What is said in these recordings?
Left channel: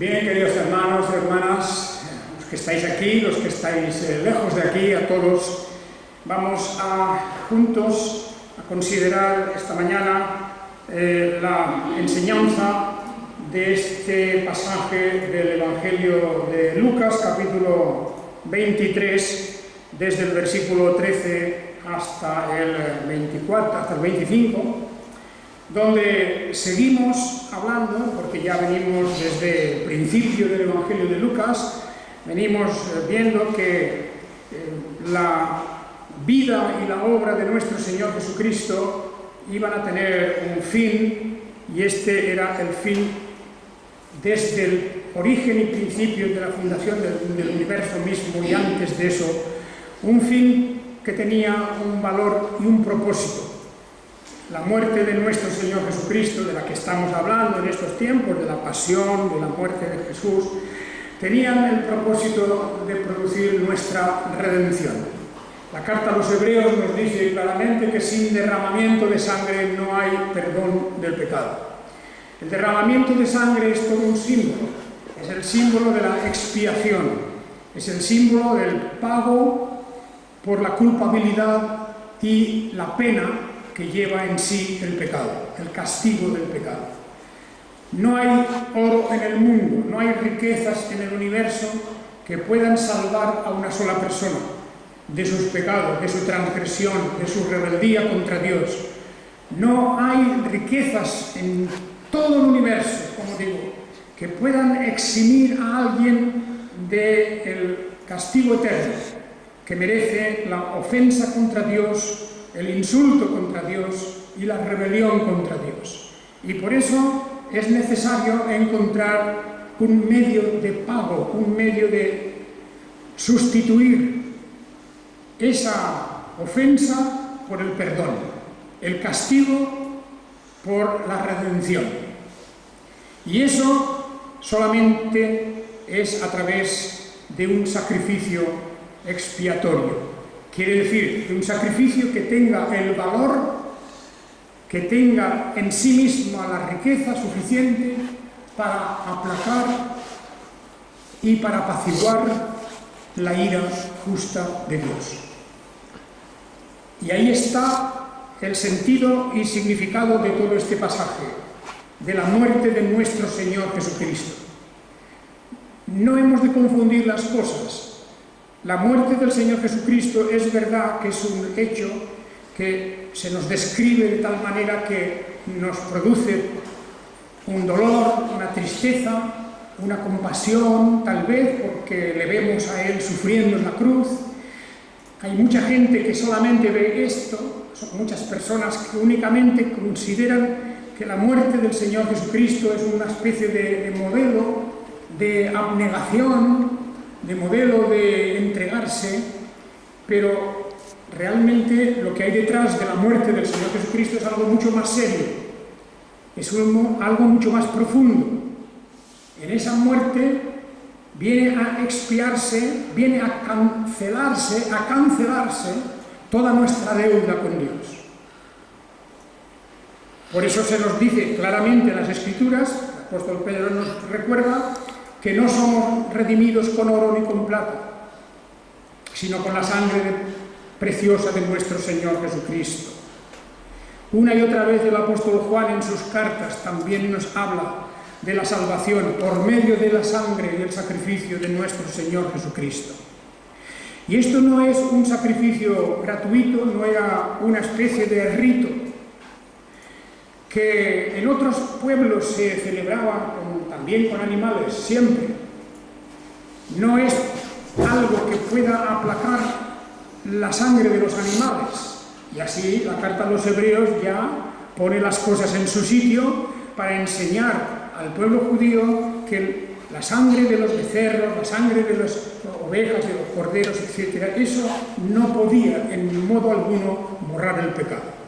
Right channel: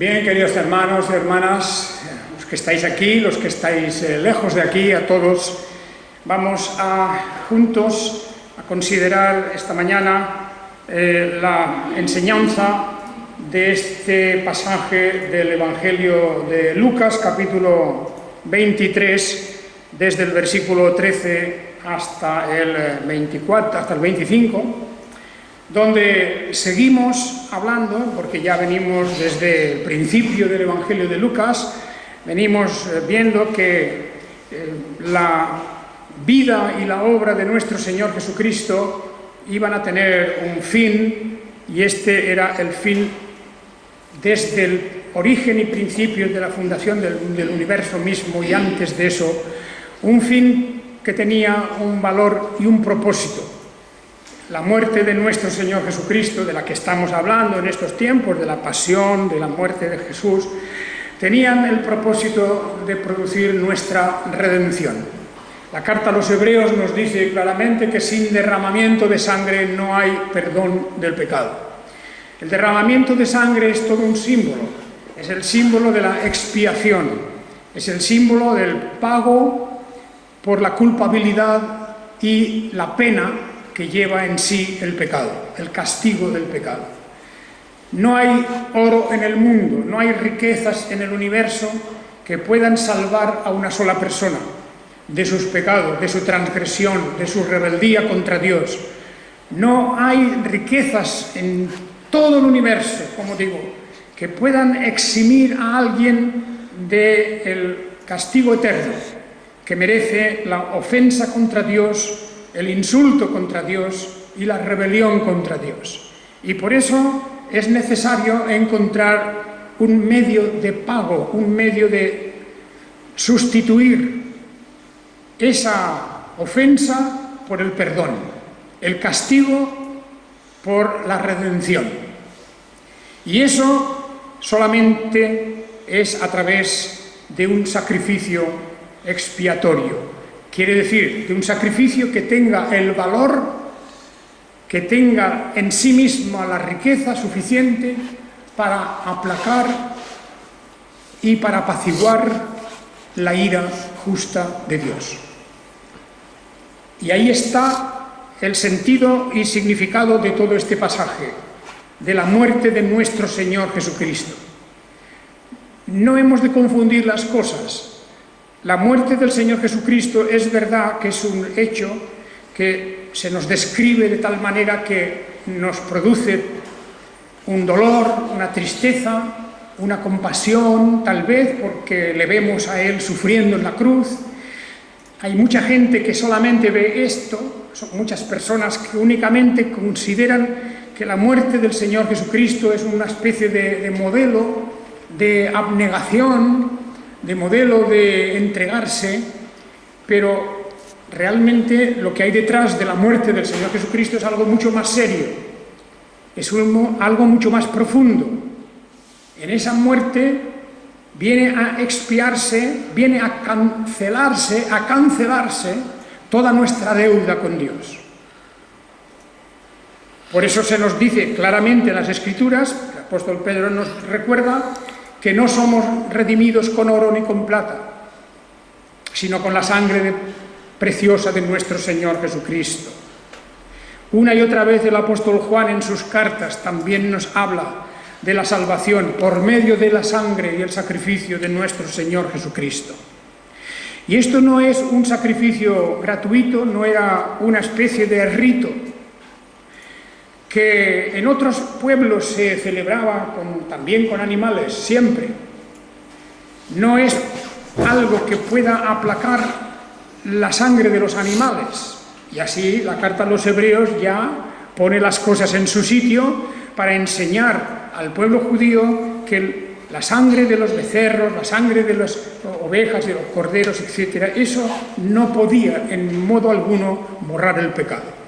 Bien, queridos hermanos y hermanas, los que estáis aquí, los que estáis lejos de aquí, a todos, vamos juntos a considerar esta mañana la enseñanza de este pasaje del Evangelio de Lucas, capítulo 23, desde el versículo 13 hasta el 24, hasta el 25, donde seguimos hablando, porque ya venimos desde el principio del Evangelio de Lucas, venimos viendo que la vida y la obra de nuestro Señor Jesucristo iban a tener un fin, y este era el fin desde el origen y principio de la fundación del universo mismo, y antes de eso, un fin que tenía un valor y un propósito. La muerte de nuestro Señor Jesucristo, de la que estamos hablando en estos tiempos, de la pasión, de la muerte de Jesús, tenían el propósito de producir nuestra redención. La carta a los Hebreos nos dice claramente que sin derramamiento de sangre no hay perdón del pecado. El derramamiento de sangre es todo un símbolo, es el símbolo de la expiación, es el símbolo del pago por la culpabilidad y la pena que lleva en sí el pecado, el castigo del pecado. No hay oro en el mundo, no hay riquezas en el universo que puedan salvar a una sola persona de sus pecados, de su transgresión, de su rebeldía contra Dios. No hay riquezas en todo el universo, como digo, que puedan eximir a alguien del castigo eterno que merece la ofensa contra Dios, el insulto contra Dios y la rebelión contra Dios. Y por eso es necesario encontrar un medio de pago, un medio de sustituir esa ofensa por el perdón, el castigo por la redención. Y eso solamente es a través de un sacrificio expiatorio. Quiere decir, de un sacrificio que tenga el valor, que tenga en sí misma la riqueza suficiente para aplacar y para apaciguar la ira justa de Dios. Y ahí está el sentido y significado de todo este pasaje, de la muerte de nuestro Señor Jesucristo. No hemos de confundir las cosas. La muerte del Señor Jesucristo es verdad que es un hecho que se nos describe de tal manera que nos produce un dolor, una tristeza, una compasión, tal vez porque le vemos a Él sufriendo en la cruz. Hay mucha gente que solamente ve esto, son muchas personas que únicamente consideran que la muerte del Señor Jesucristo es una especie de modelo de abnegación, de modelo de entregarse, pero realmente lo que hay detrás de la muerte del Señor Jesucristo es algo mucho más serio, es algo mucho más profundo. En esa muerte viene a expiarse, viene a cancelarse toda nuestra deuda con Dios. Por eso se nos dice claramente en las Escrituras, el apóstol Pedro nos recuerda, que no somos redimidos con oro ni con plata, sino con la sangre preciosa de nuestro Señor Jesucristo. Una y otra vez el apóstol Juan en sus cartas también nos habla de la salvación por medio de la sangre y el sacrificio de nuestro Señor Jesucristo. Y esto no es un sacrificio gratuito, no era una especie de rito que en otros pueblos se celebraba también con animales, siempre. No es algo que pueda aplacar la sangre de los animales. Y así la carta a los Hebreos ya pone las cosas en su sitio para enseñar al pueblo judío que la sangre de los becerros, la sangre de las ovejas, de los corderos, etc., eso no podía en modo alguno borrar el pecado.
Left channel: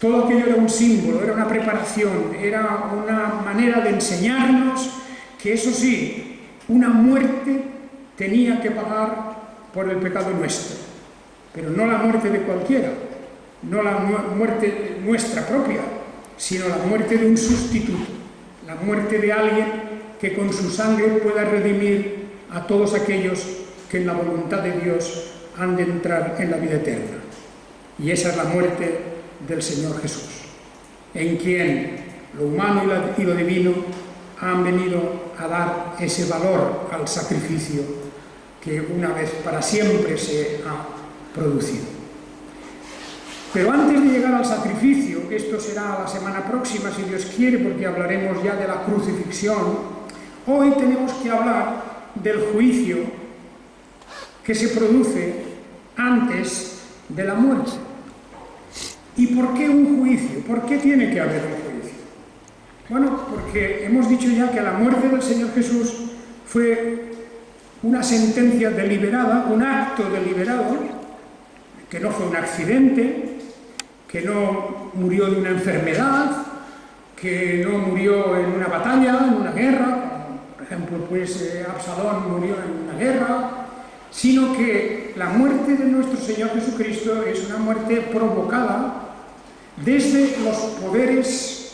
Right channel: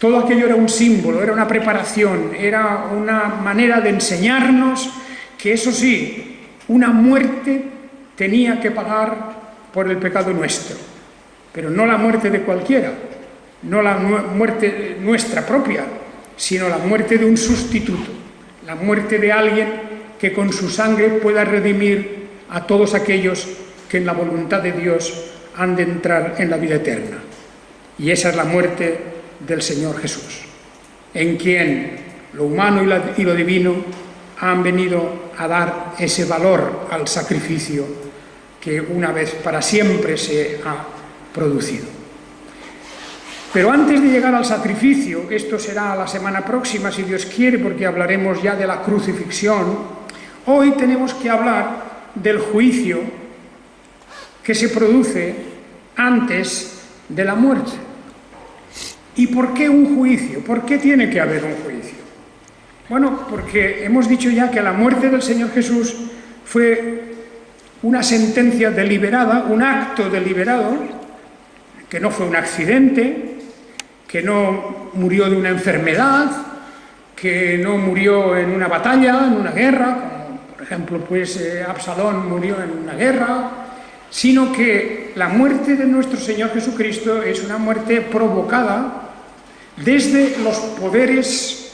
Todo aquello era un símbolo, era una preparación, era una manera de enseñarnos que, eso sí, una muerte tenía que pagar por el pecado nuestro, pero no la muerte de cualquiera, no la muerte nuestra propia, sino la muerte de un sustituto, la muerte de alguien que con su sangre pueda redimir a todos aquellos que en la voluntad de Dios han de entrar en la vida eterna. Y esa es la muerte del Señor Jesús, en quien lo humano y lo divino han venido a dar ese valor al sacrificio que una vez para siempre se ha producido. Pero antes de llegar al sacrificio, esto será la semana próxima si Dios quiere, porque hablaremos ya de la crucifixión, hoy tenemos que hablar del juicio que se produce antes de la muerte. ¿Y por qué un juicio? ¿Por qué tiene que haber un juicio? Bueno, porque hemos dicho ya que la muerte del Señor Jesús fue una sentencia deliberada, un acto deliberado, que no fue un accidente, que no murió de una enfermedad, que no murió en una batalla, en una guerra, como por ejemplo Absalón murió en una guerra, sino que la muerte de nuestro Señor Jesucristo es una muerte provocada desde los poderes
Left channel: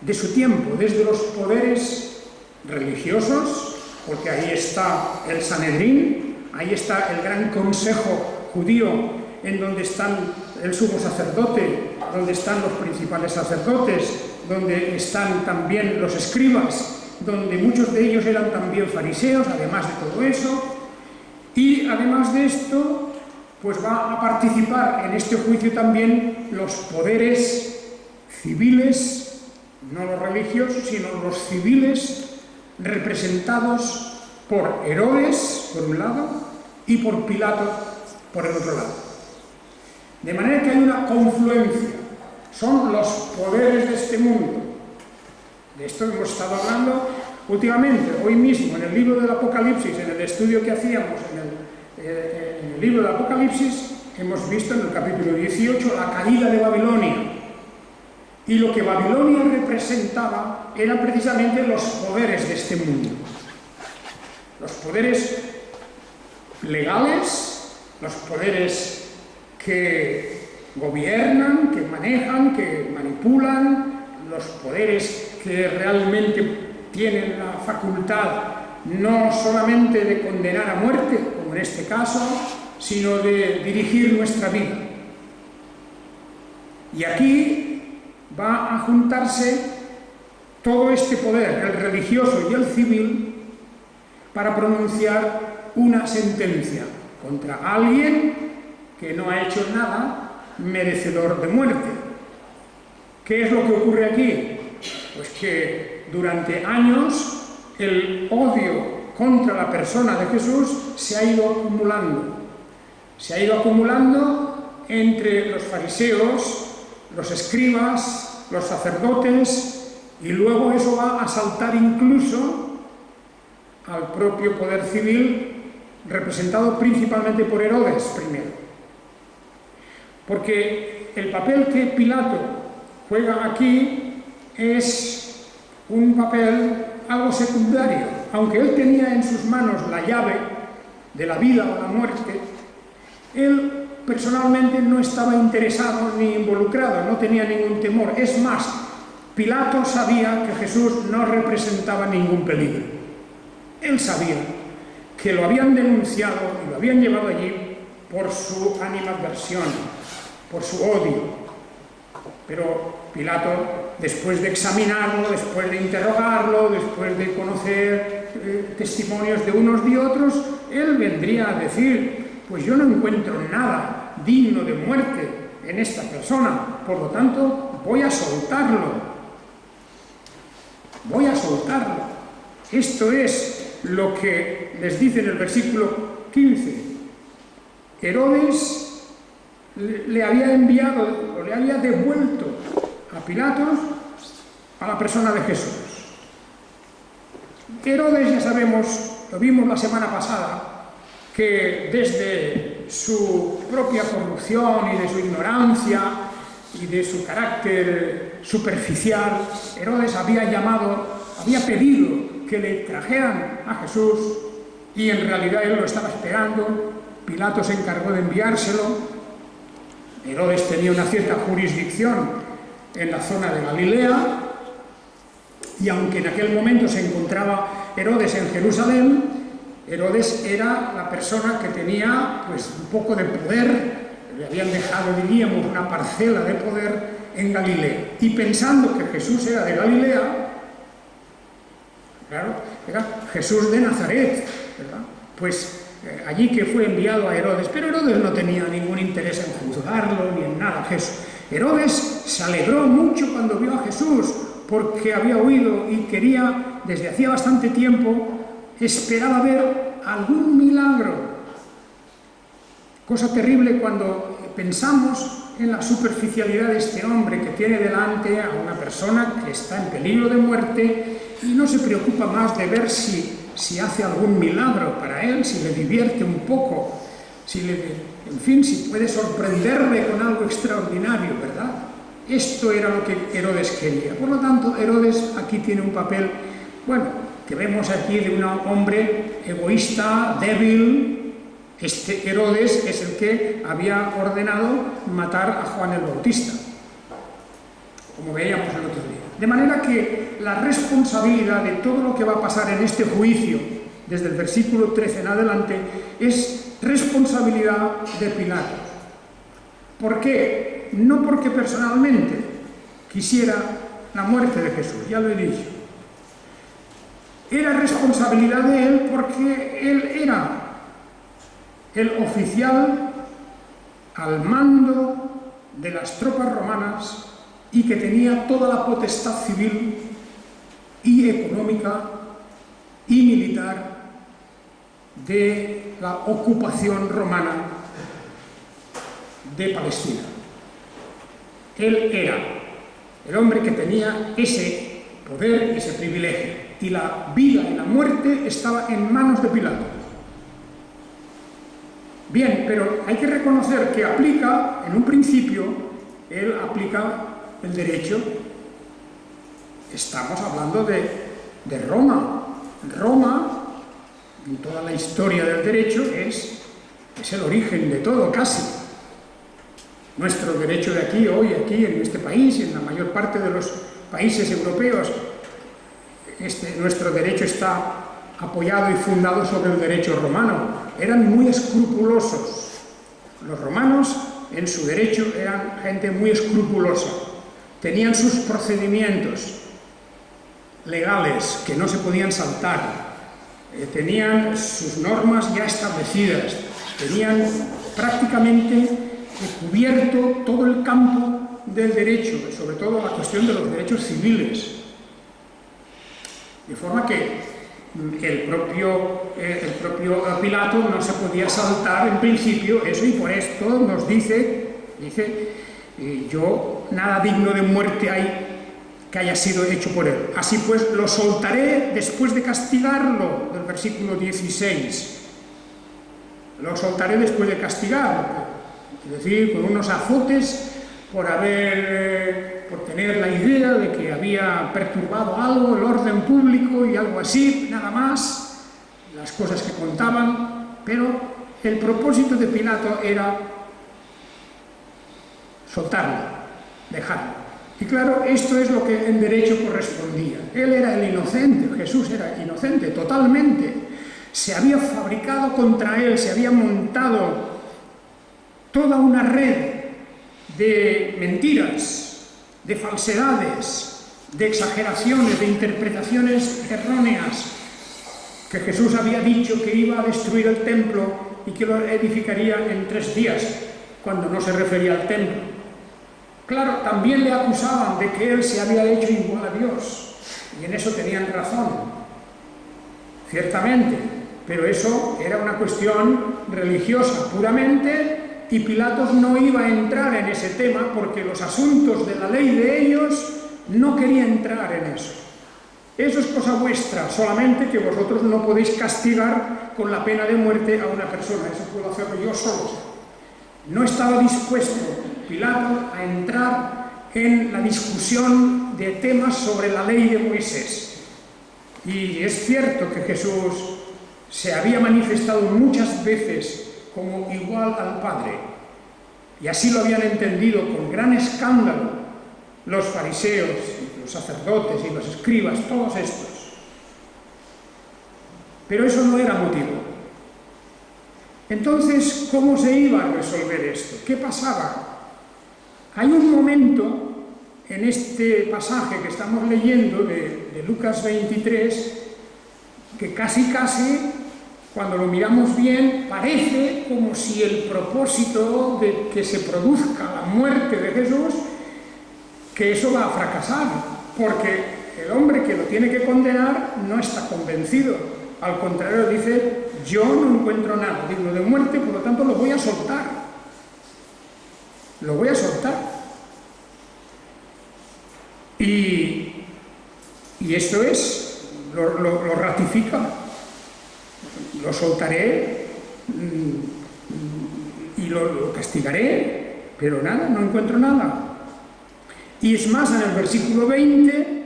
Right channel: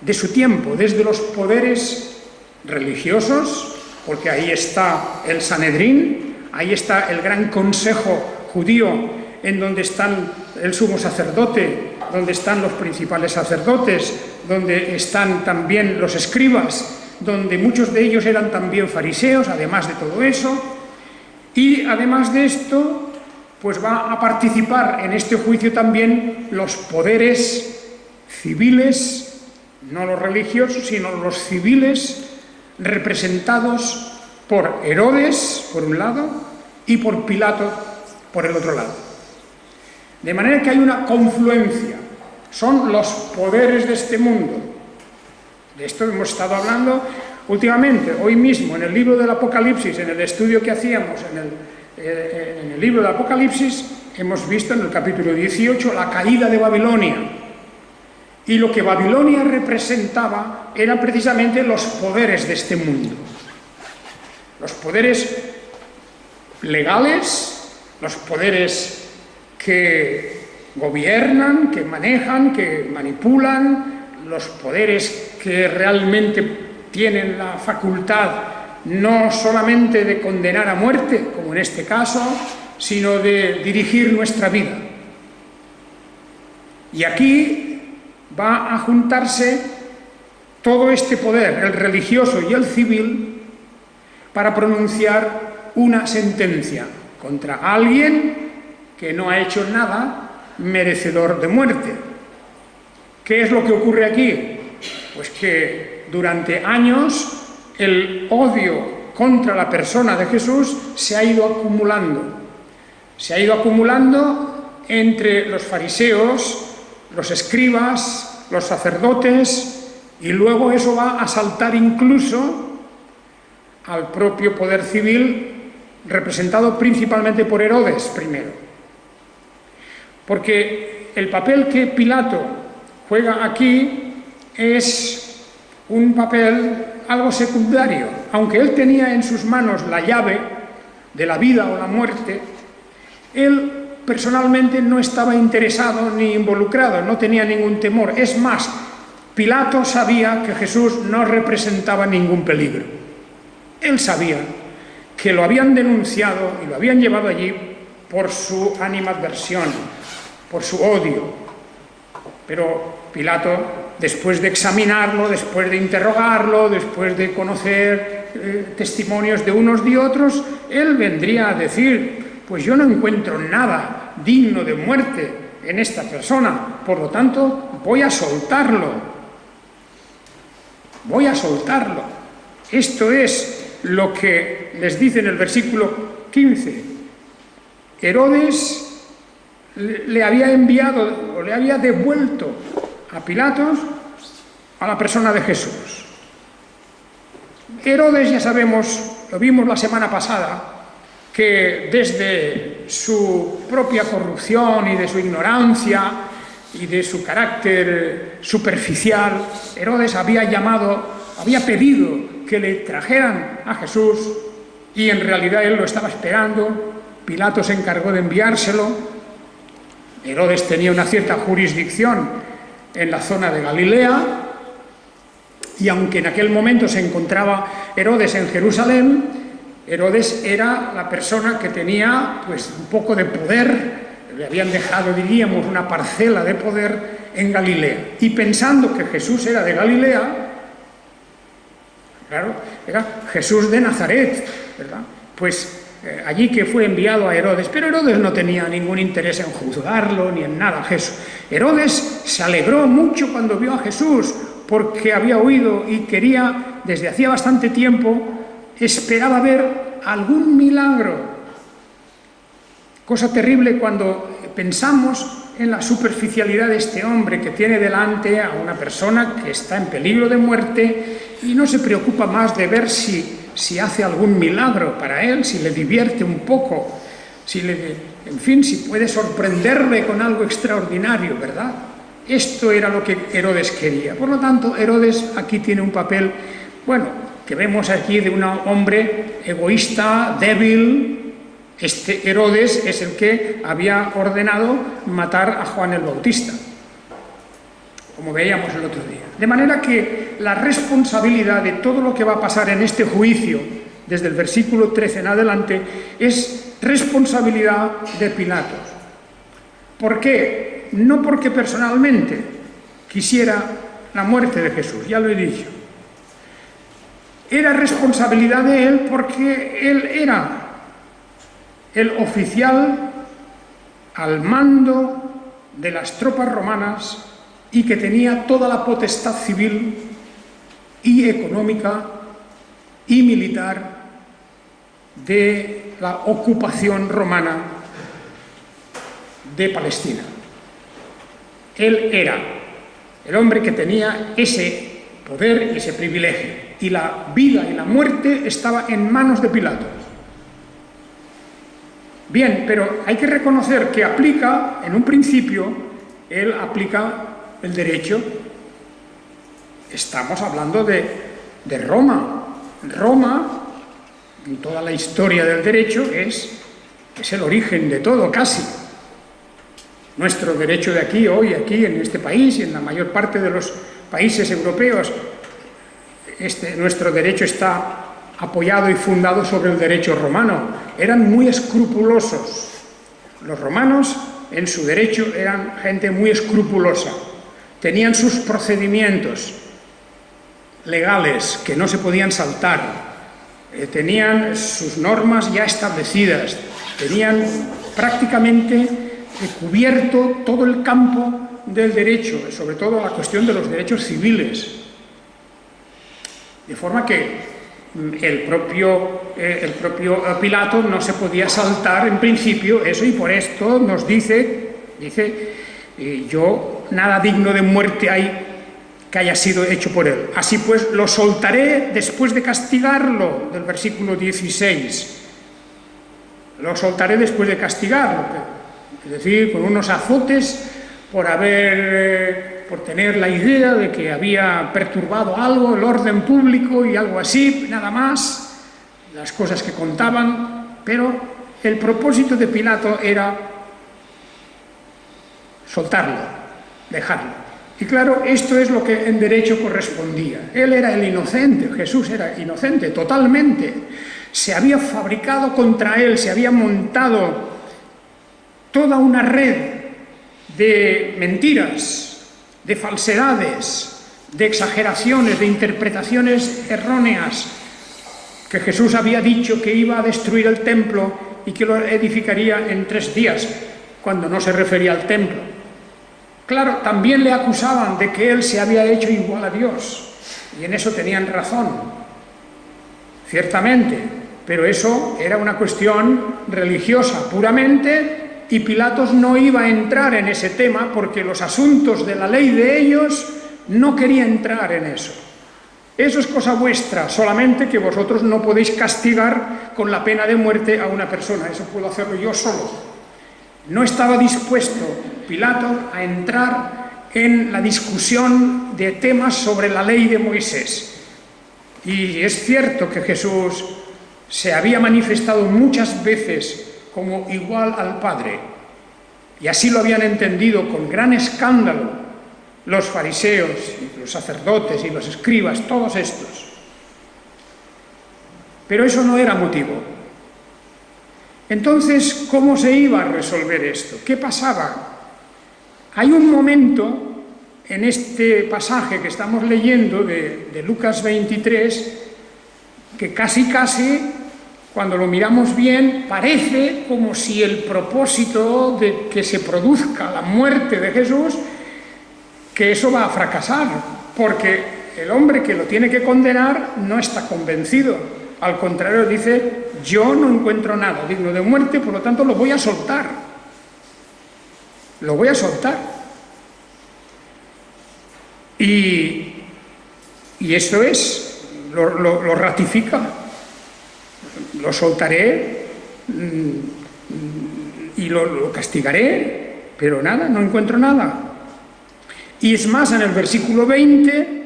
de su tiempo, desde los poderes religiosos, porque ahí está el Sanedrín, ahí está el gran consejo judío, en donde están el sumo sacerdote, donde están los principales sacerdotes, donde están también los escribas, donde muchos de ellos eran también fariseos, además de todo eso. Y además de esto, pues va a participar en este juicio también los poderes civiles, no los religiosos, sino los civiles, representados por Herodes, por un lado, y por Pilato, por el otro lado. De manera que hay una confluencia, son los poderes de este mundo. De esto hemos estado hablando últimamente, hoy mismo, en el libro del Apocalipsis, en el estudio que hacíamos en el libro del Apocalipsis, hemos visto en el capítulo 18 la caída de Babilonia. Y lo que Babilonia representaba eran precisamente los poderes de este mundo. Los poderes legales, los poderes que gobiernan, que manejan, que manipulan, los poderes que realmente tienen la facultad no solamente de condenar a muerte, como en este caso, sino de dirigir nuestra vida. Y aquí va a juntarse todo este poder, el religioso y el civil, para pronunciar una sentencia contra alguien que no ha hecho nada merecedor de muerte. ¿Qué es lo que ocurre aquí? Pues que durante años el odio contra la persona de Jesús se ha ido acumulando. Se ha ido acumulando entre los fariseos, los escribas, los sacerdotes, y luego eso va a saltar incluso al propio poder civil, representado principalmente por Herodes primero. Porque el papel que Pilato juega aquí es un papel algo secundario. Aunque él tenía en sus manos la llave de la vida o la muerte, él personalmente no estaba interesado ni involucrado, no tenía ningún temor. Es más, Pilato sabía que Jesús no representaba ningún peligro. Él sabía que lo habían denunciado y lo habían llevado allí por su animadversión, por su odio. Pero Pilato, después de examinarlo, después de interrogarlo, después de conocer testimonios de unos y otros, él vendría a decir: pues yo no encuentro nada digno de muerte en esta persona, por lo tanto voy a soltarlo. Voy a soltarlo. Esto es lo que les dice en el versículo 15. Herodes le había enviado o le había devuelto a Pilatos a la persona de Jesús. Herodes, ya sabemos, lo vimos la semana pasada, que desde su propia corrupción y de su ignorancia y de su carácter superficial, Herodes había pedido que le trajeran a Jesús, y en realidad él lo estaba esperando. Pilato se encargó de enviárselo. Herodes tenía una cierta jurisdicción en la zona de Galilea, Y aunque en aquel momento se encontraba Herodes en Jerusalén, Herodes era la persona que tenía pues un poco de poder, le habían dejado, diríamos, una parcela de poder en Galilea. Y pensando que Jesús era de Galilea, claro, era Jesús de Nazaret, ¿verdad? Pues allí que fue enviado a Herodes, pero Herodes no tenía ningún interés en juzgarlo ni en nada. Herodes se alegró mucho cuando vio a Jesús, porque había oído y quería, desde hacía bastante tiempo, esperaba ver algún milagro. Cosa terrible cuando pensamos en la superficialidad de este hombre que tiene delante a una persona que está en peligro de muerte y no se preocupa más de ver si hace algún milagro para él, si le divierte un poco, en fin, si puede sorprenderle con algo extraordinario, ¿verdad? Esto era lo que Herodes quería. Por lo tanto, Herodes aquí tiene un papel, bueno, que vemos aquí de un hombre egoísta, débil. Este Herodes es el que había ordenado matar a Juan el Bautista, como veíamos el otro día. De manera que la responsabilidad de todo lo que va a pasar en este juicio, desde el versículo 13 en adelante, es responsabilidad de Pilato. ¿Por qué? No porque personalmente quisiera la muerte de Jesús, ya lo he dicho. Era responsabilidad de él porque él era el oficial al mando de las tropas romanas y que tenía toda la potestad civil y económica y militar de la ocupación romana de Palestina. Él era el hombre que tenía ese poder y ese privilegio, y la vida y la muerte estaba en manos de Pilato. Bien, pero hay que reconocer que aplica, en un principio, él aplica el derecho. Estamos hablando de Roma. Roma, en toda la historia del derecho, es el origen de todo, casi. Nuestro derecho de aquí, hoy, aquí, en este país y en la mayor parte de los países europeos, nuestro derecho está apoyado y fundado sobre el derecho romano. Eran muy escrupulosos. Los romanos, en su derecho, eran gente muy escrupulosa. Tenían sus procedimientos legales que no se podían saltar. Tenían sus normas ya establecidas. Tenían prácticamente cubierto todo el campo del derecho, sobre todo la cuestión de los derechos civiles. De forma que el propio Pilato no se podía saltar en principio eso, y por esto nos dice, yo nada digno de muerte hay que haya sido hecho por él. Así pues, lo soltaré después de castigarlo, del versículo 16. Lo soltaré después de castigarlo, es decir, con unos azotes por tener la idea de que había perturbado algo, el orden público y algo así, nada más, las cosas que contaban, pero el propósito de Pilato era soltarlo, dejarlo. Y claro, esto es lo que en derecho correspondía. Él era el inocente, Jesús era inocente, totalmente. Se había fabricado contra él, se había montado toda una red de mentiras, de falsedades, de exageraciones, de interpretaciones erróneas, que Jesús había dicho que iba a destruir el templo y que lo edificaría en 3 días, cuando no se refería al templo. Claro, también le acusaban de que él se había hecho igual a Dios, y en eso tenían razón, ciertamente, pero eso era una cuestión religiosa puramente. Y Pilatos no iba a entrar en ese tema porque los asuntos de la ley de ellos no quería entrar en eso. Eso es cosa vuestra, solamente que vosotros no podéis castigar con la pena de muerte a una persona. Eso puedo hacerlo yo solo. No estaba dispuesto Pilato a entrar en la discusión de temas sobre la ley de Moisés. Y es cierto que Jesús se había manifestado muchas veces como igual al Padre, y así lo habían entendido con gran escándalo los fariseos, los sacerdotes y los escribas, todos estos. Pero eso no era motivo. Entonces, ¿cómo se iba a resolver esto? ¿Qué pasaba? Hay un momento en este pasaje que estamos leyendo de Lucas 23 que casi, cuando lo miramos bien, parece como si el propósito de que se produzca la muerte de Jesús, que eso va a fracasar, porque el hombre que lo tiene que condenar no está convencido. Al contrario, dice, yo no encuentro nada digno de muerte, por lo tanto lo voy a soltar. Lo voy a soltar. Y esto es, lo ratifica. Lo soltaré y lo castigaré, pero nada, no encuentro nada. Y es más, en el versículo 20,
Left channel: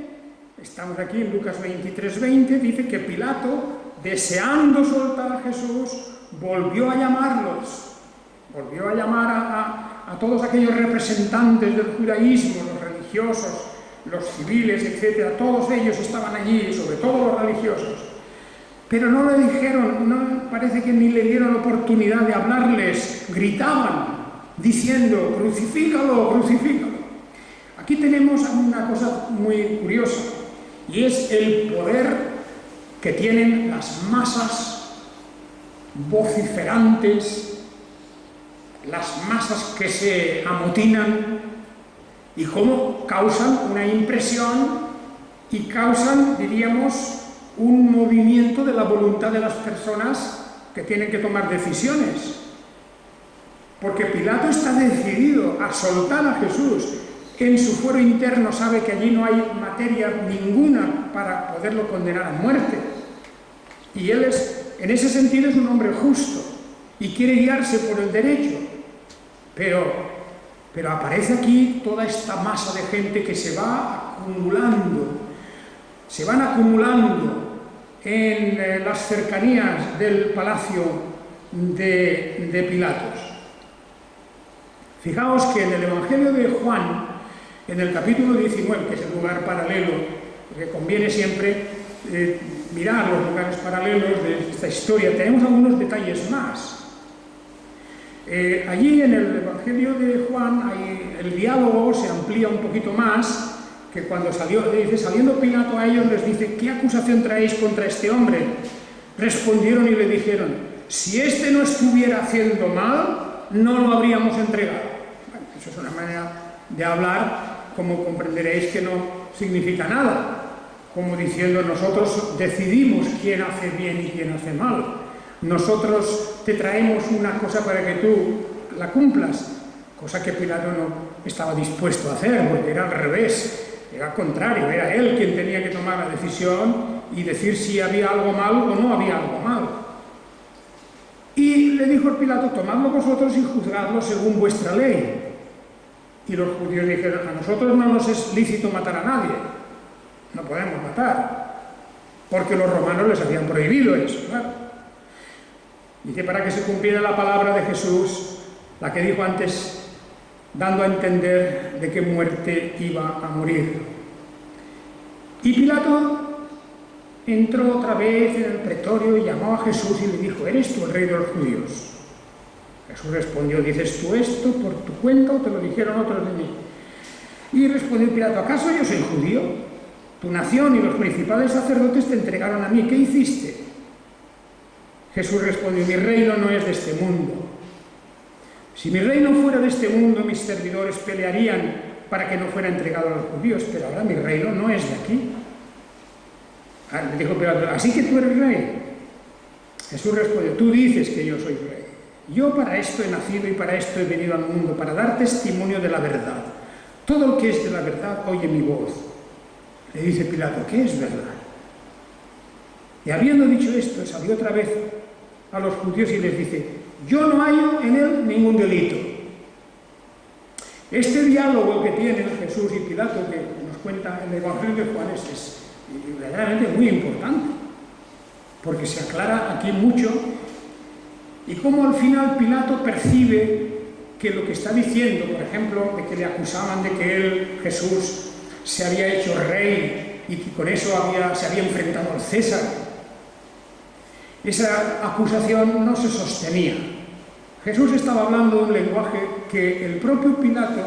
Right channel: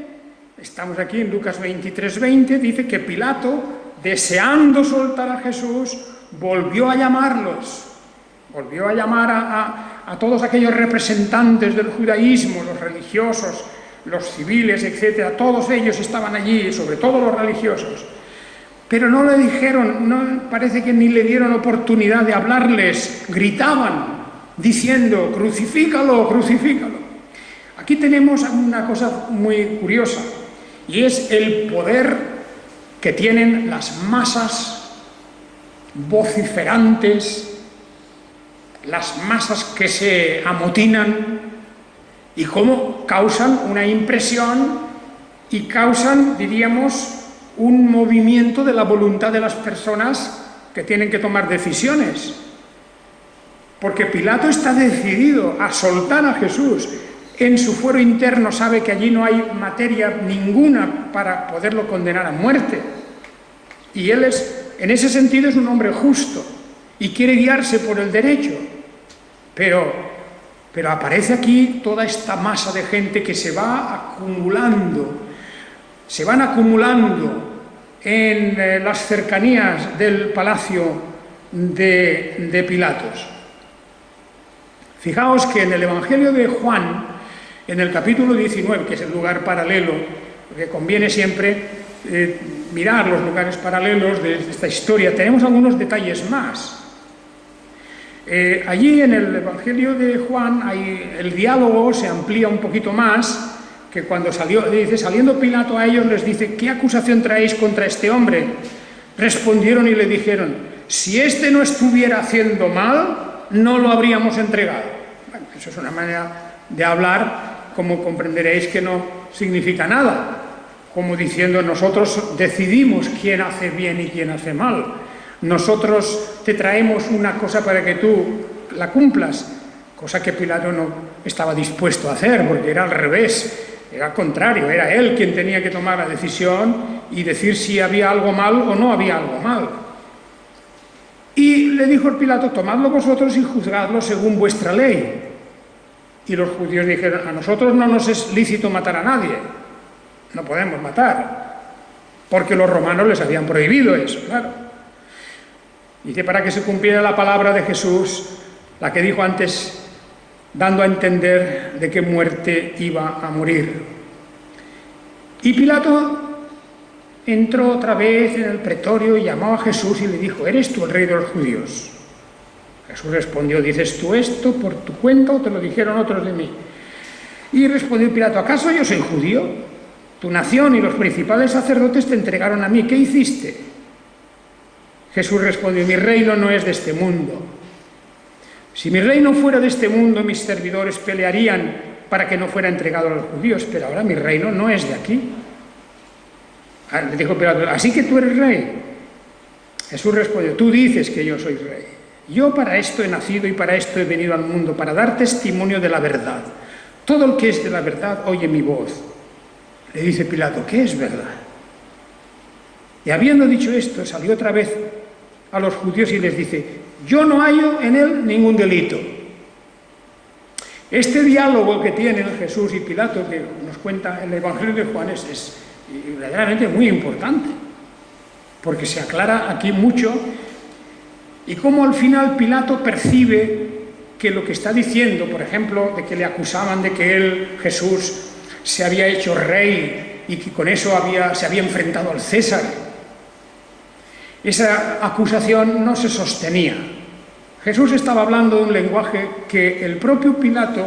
estamos aquí en Lucas 23:20, dice que Pilato, deseando soltar a Jesús, volvió a llamarlos, volvió a llamar a todos aquellos representantes del judaísmo, los religiosos, los civiles, etc. Todos ellos estaban allí, sobre todo los religiosos. Pero no le dijeron, no, parece que ni le dieron oportunidad de hablarles, gritaban, diciendo, crucifícalo, crucifícalo. Aquí tenemos una cosa muy curiosa, y es el poder que tienen las masas vociferantes, las masas que se amotinan, y cómo causan una impresión y causan, diríamos, un movimiento de la voluntad de las personas que tienen que tomar decisiones. Porque Pilato está decidido a soltar a Jesús. En su fuero interno sabe que allí no hay materia ninguna para poderlo condenar a muerte. Y él en ese sentido es un hombre justo y quiere guiarse por el derecho. Pero aparece aquí toda esta masa de gente que se va acumulando. Se van acumulando en las cercanías del palacio de Pilatos. Fijaos que en el Evangelio de Juan, en el capítulo 19, que es el lugar paralelo, porque conviene siempre mirar los lugares paralelos de esta historia, tenemos algunos detalles más. Allí en el Evangelio de Juan el diálogo se amplía un poquito más, que cuando dice, saliendo Pilato a ellos les dice, ¿qué acusación traéis contra este hombre? Respondieron y le dijeron, si este no estuviera haciendo mal, no lo habríamos entregado. Bueno, eso es una manera de hablar, como comprenderéis, que no significa nada, como diciendo, nosotros decidimos quién hace bien y quién hace mal. Nosotros te traemos una cosa para que tú la cumplas, cosa que Pilato no estaba dispuesto a hacer, porque era al revés. Era al contrario, era él quien tenía que tomar la decisión y decir si había algo mal o no había algo mal. Y le dijo el Pilato, tomadlo vosotros y juzgadlo según vuestra ley. Y los judíos dijeron, a nosotros no nos es lícito matar a nadie, no podemos matar, porque los romanos les habían prohibido eso, claro. Dice, para que se cumpliera la palabra de Jesús, la que dijo antes, dando a entender de qué muerte iba a morir. Y Pilato entró otra vez en el pretorio y llamó a Jesús y le dijo, ¿eres tú el rey de los judíos? Jesús respondió, ¿dices tú esto por tu cuenta o te lo dijeron otros de mí? Y respondió Pilato, ¿acaso yo soy judío? Tu nación y los principales sacerdotes te entregaron a mí, ¿qué hiciste? Jesús respondió, mi reino no es de este mundo. Si mi reino fuera de este mundo, mis servidores pelearían para que no fuera entregado a los judíos, pero ahora mi reino no es de aquí. Le dijo Pilato, ¿así que tú eres rey? Jesús respondió, tú dices que yo soy rey. Yo para esto he nacido y para esto he venido al mundo, para dar testimonio de la verdad. Todo el que es de la verdad oye mi voz. Le dice Pilato, ¿qué es verdad? Y habiendo dicho esto, salió otra vez a los judíos y les dice, yo no hallo en él ningún delito. Este diálogo que tienen Jesús y Pilato, que nos cuenta el Evangelio de Juan, es verdaderamente muy importante, porque se aclara aquí mucho, y cómo al final Pilato percibe que lo que está diciendo, por ejemplo, de que le acusaban de que él, Jesús, se había hecho rey y que con eso se había enfrentado al César. Esa acusación no se sostenía. Jesús estaba hablando de un lenguaje que el propio Pilato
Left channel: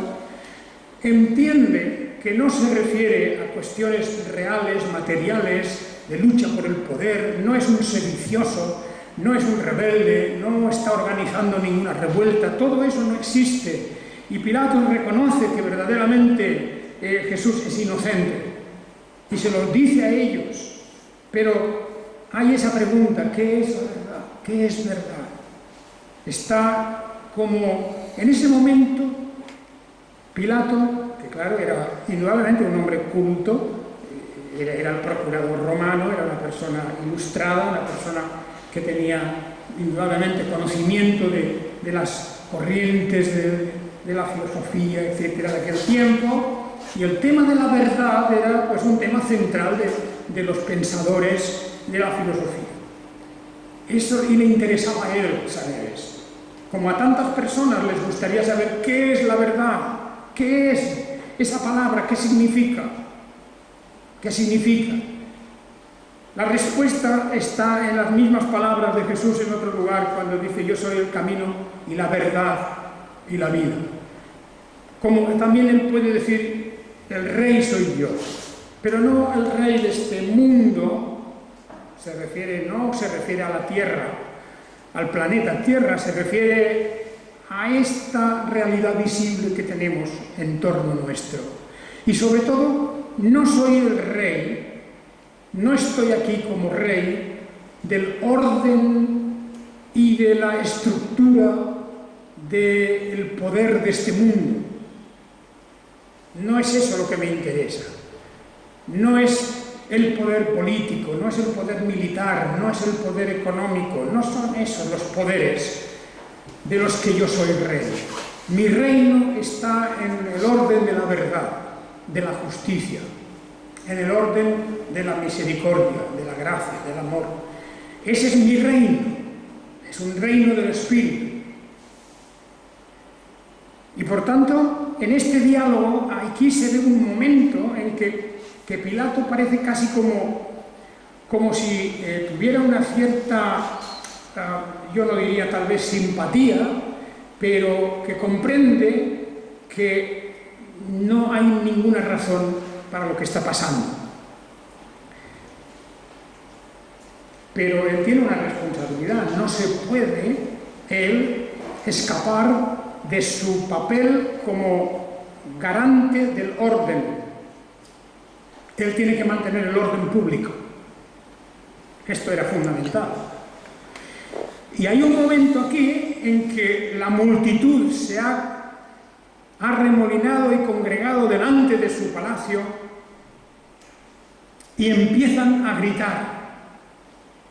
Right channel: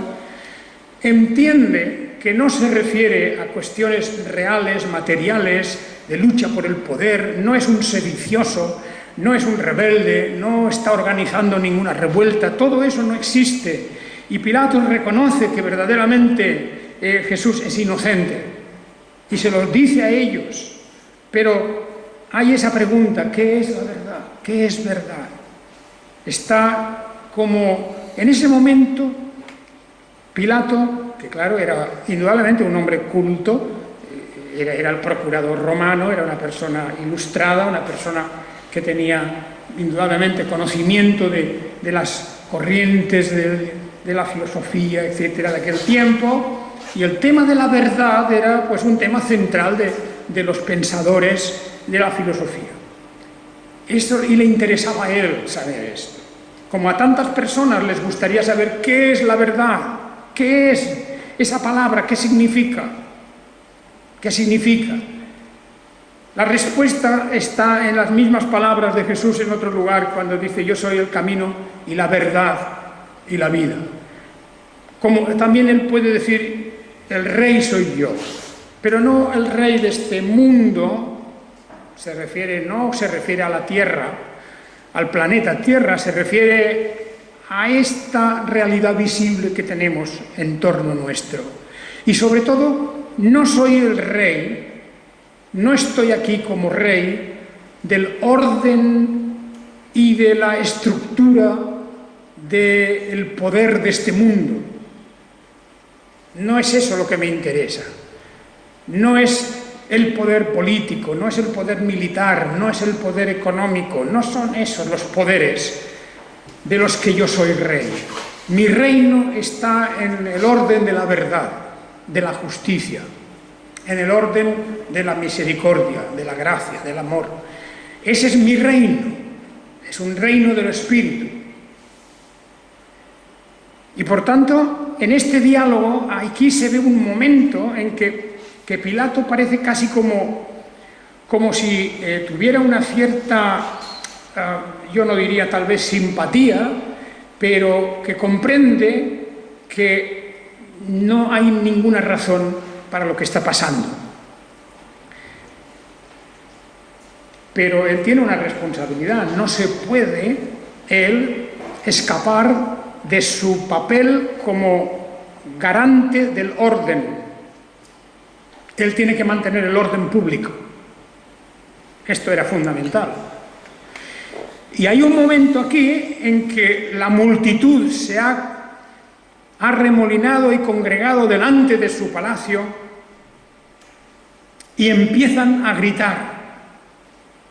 entiende que no se refiere a cuestiones reales, materiales, de lucha por el poder, no es un sedicioso, no es un rebelde, no está organizando ninguna revuelta, todo eso no existe. Y Pilato reconoce que verdaderamente Jesús es inocente y se lo dice a ellos. Pero hay esa pregunta, ¿qué es la verdad? ¿Qué es verdad? Está como en ese momento Pilato, que claro, era indudablemente un hombre culto, era el procurador romano, era una persona ilustrada, una persona que tenía indudablemente conocimiento de las corrientes de la filosofía, etcétera, de aquel tiempo, y el tema de la verdad era pues un tema central de los pensadores de la filosofía. Esto, y le interesaba a él saber esto. Como a tantas personas les gustaría saber qué es la verdad, qué es esa palabra, qué significa. ¿Qué significa? La respuesta está en las mismas palabras de Jesús en otro lugar, cuando dice: yo soy el camino y la verdad y la vida. Como también él puede decir: el rey soy yo, pero no el rey de este mundo. No se refiere a la Tierra, al planeta Tierra, se refiere a esta realidad visible que tenemos en torno nuestro. Y sobre todo, no soy el rey, no estoy aquí como rey del orden y de la estructura del poder de este mundo. No es eso lo que me interesa. No es el poder político, no es el poder militar, no es el poder económico, no son esos los poderes de los que yo soy rey. Mi reino está en el orden de la verdad, de la justicia, en el orden de la misericordia, de la gracia, del amor. Ese es mi reino, es un reino del Espíritu. Y por tanto, en este diálogo, aquí se ve un momento en que Pilato parece casi como si tuviera una cierta, yo no diría tal vez simpatía, pero que comprende que no hay ninguna razón para lo que está pasando. Pero él tiene una responsabilidad, no se puede él escapar de su papel como garante del orden. Él tiene que mantener el orden público. Esto era fundamental. Y hay un momento aquí en que la multitud se ha arremolinado y congregado delante de su palacio y empiezan a gritar:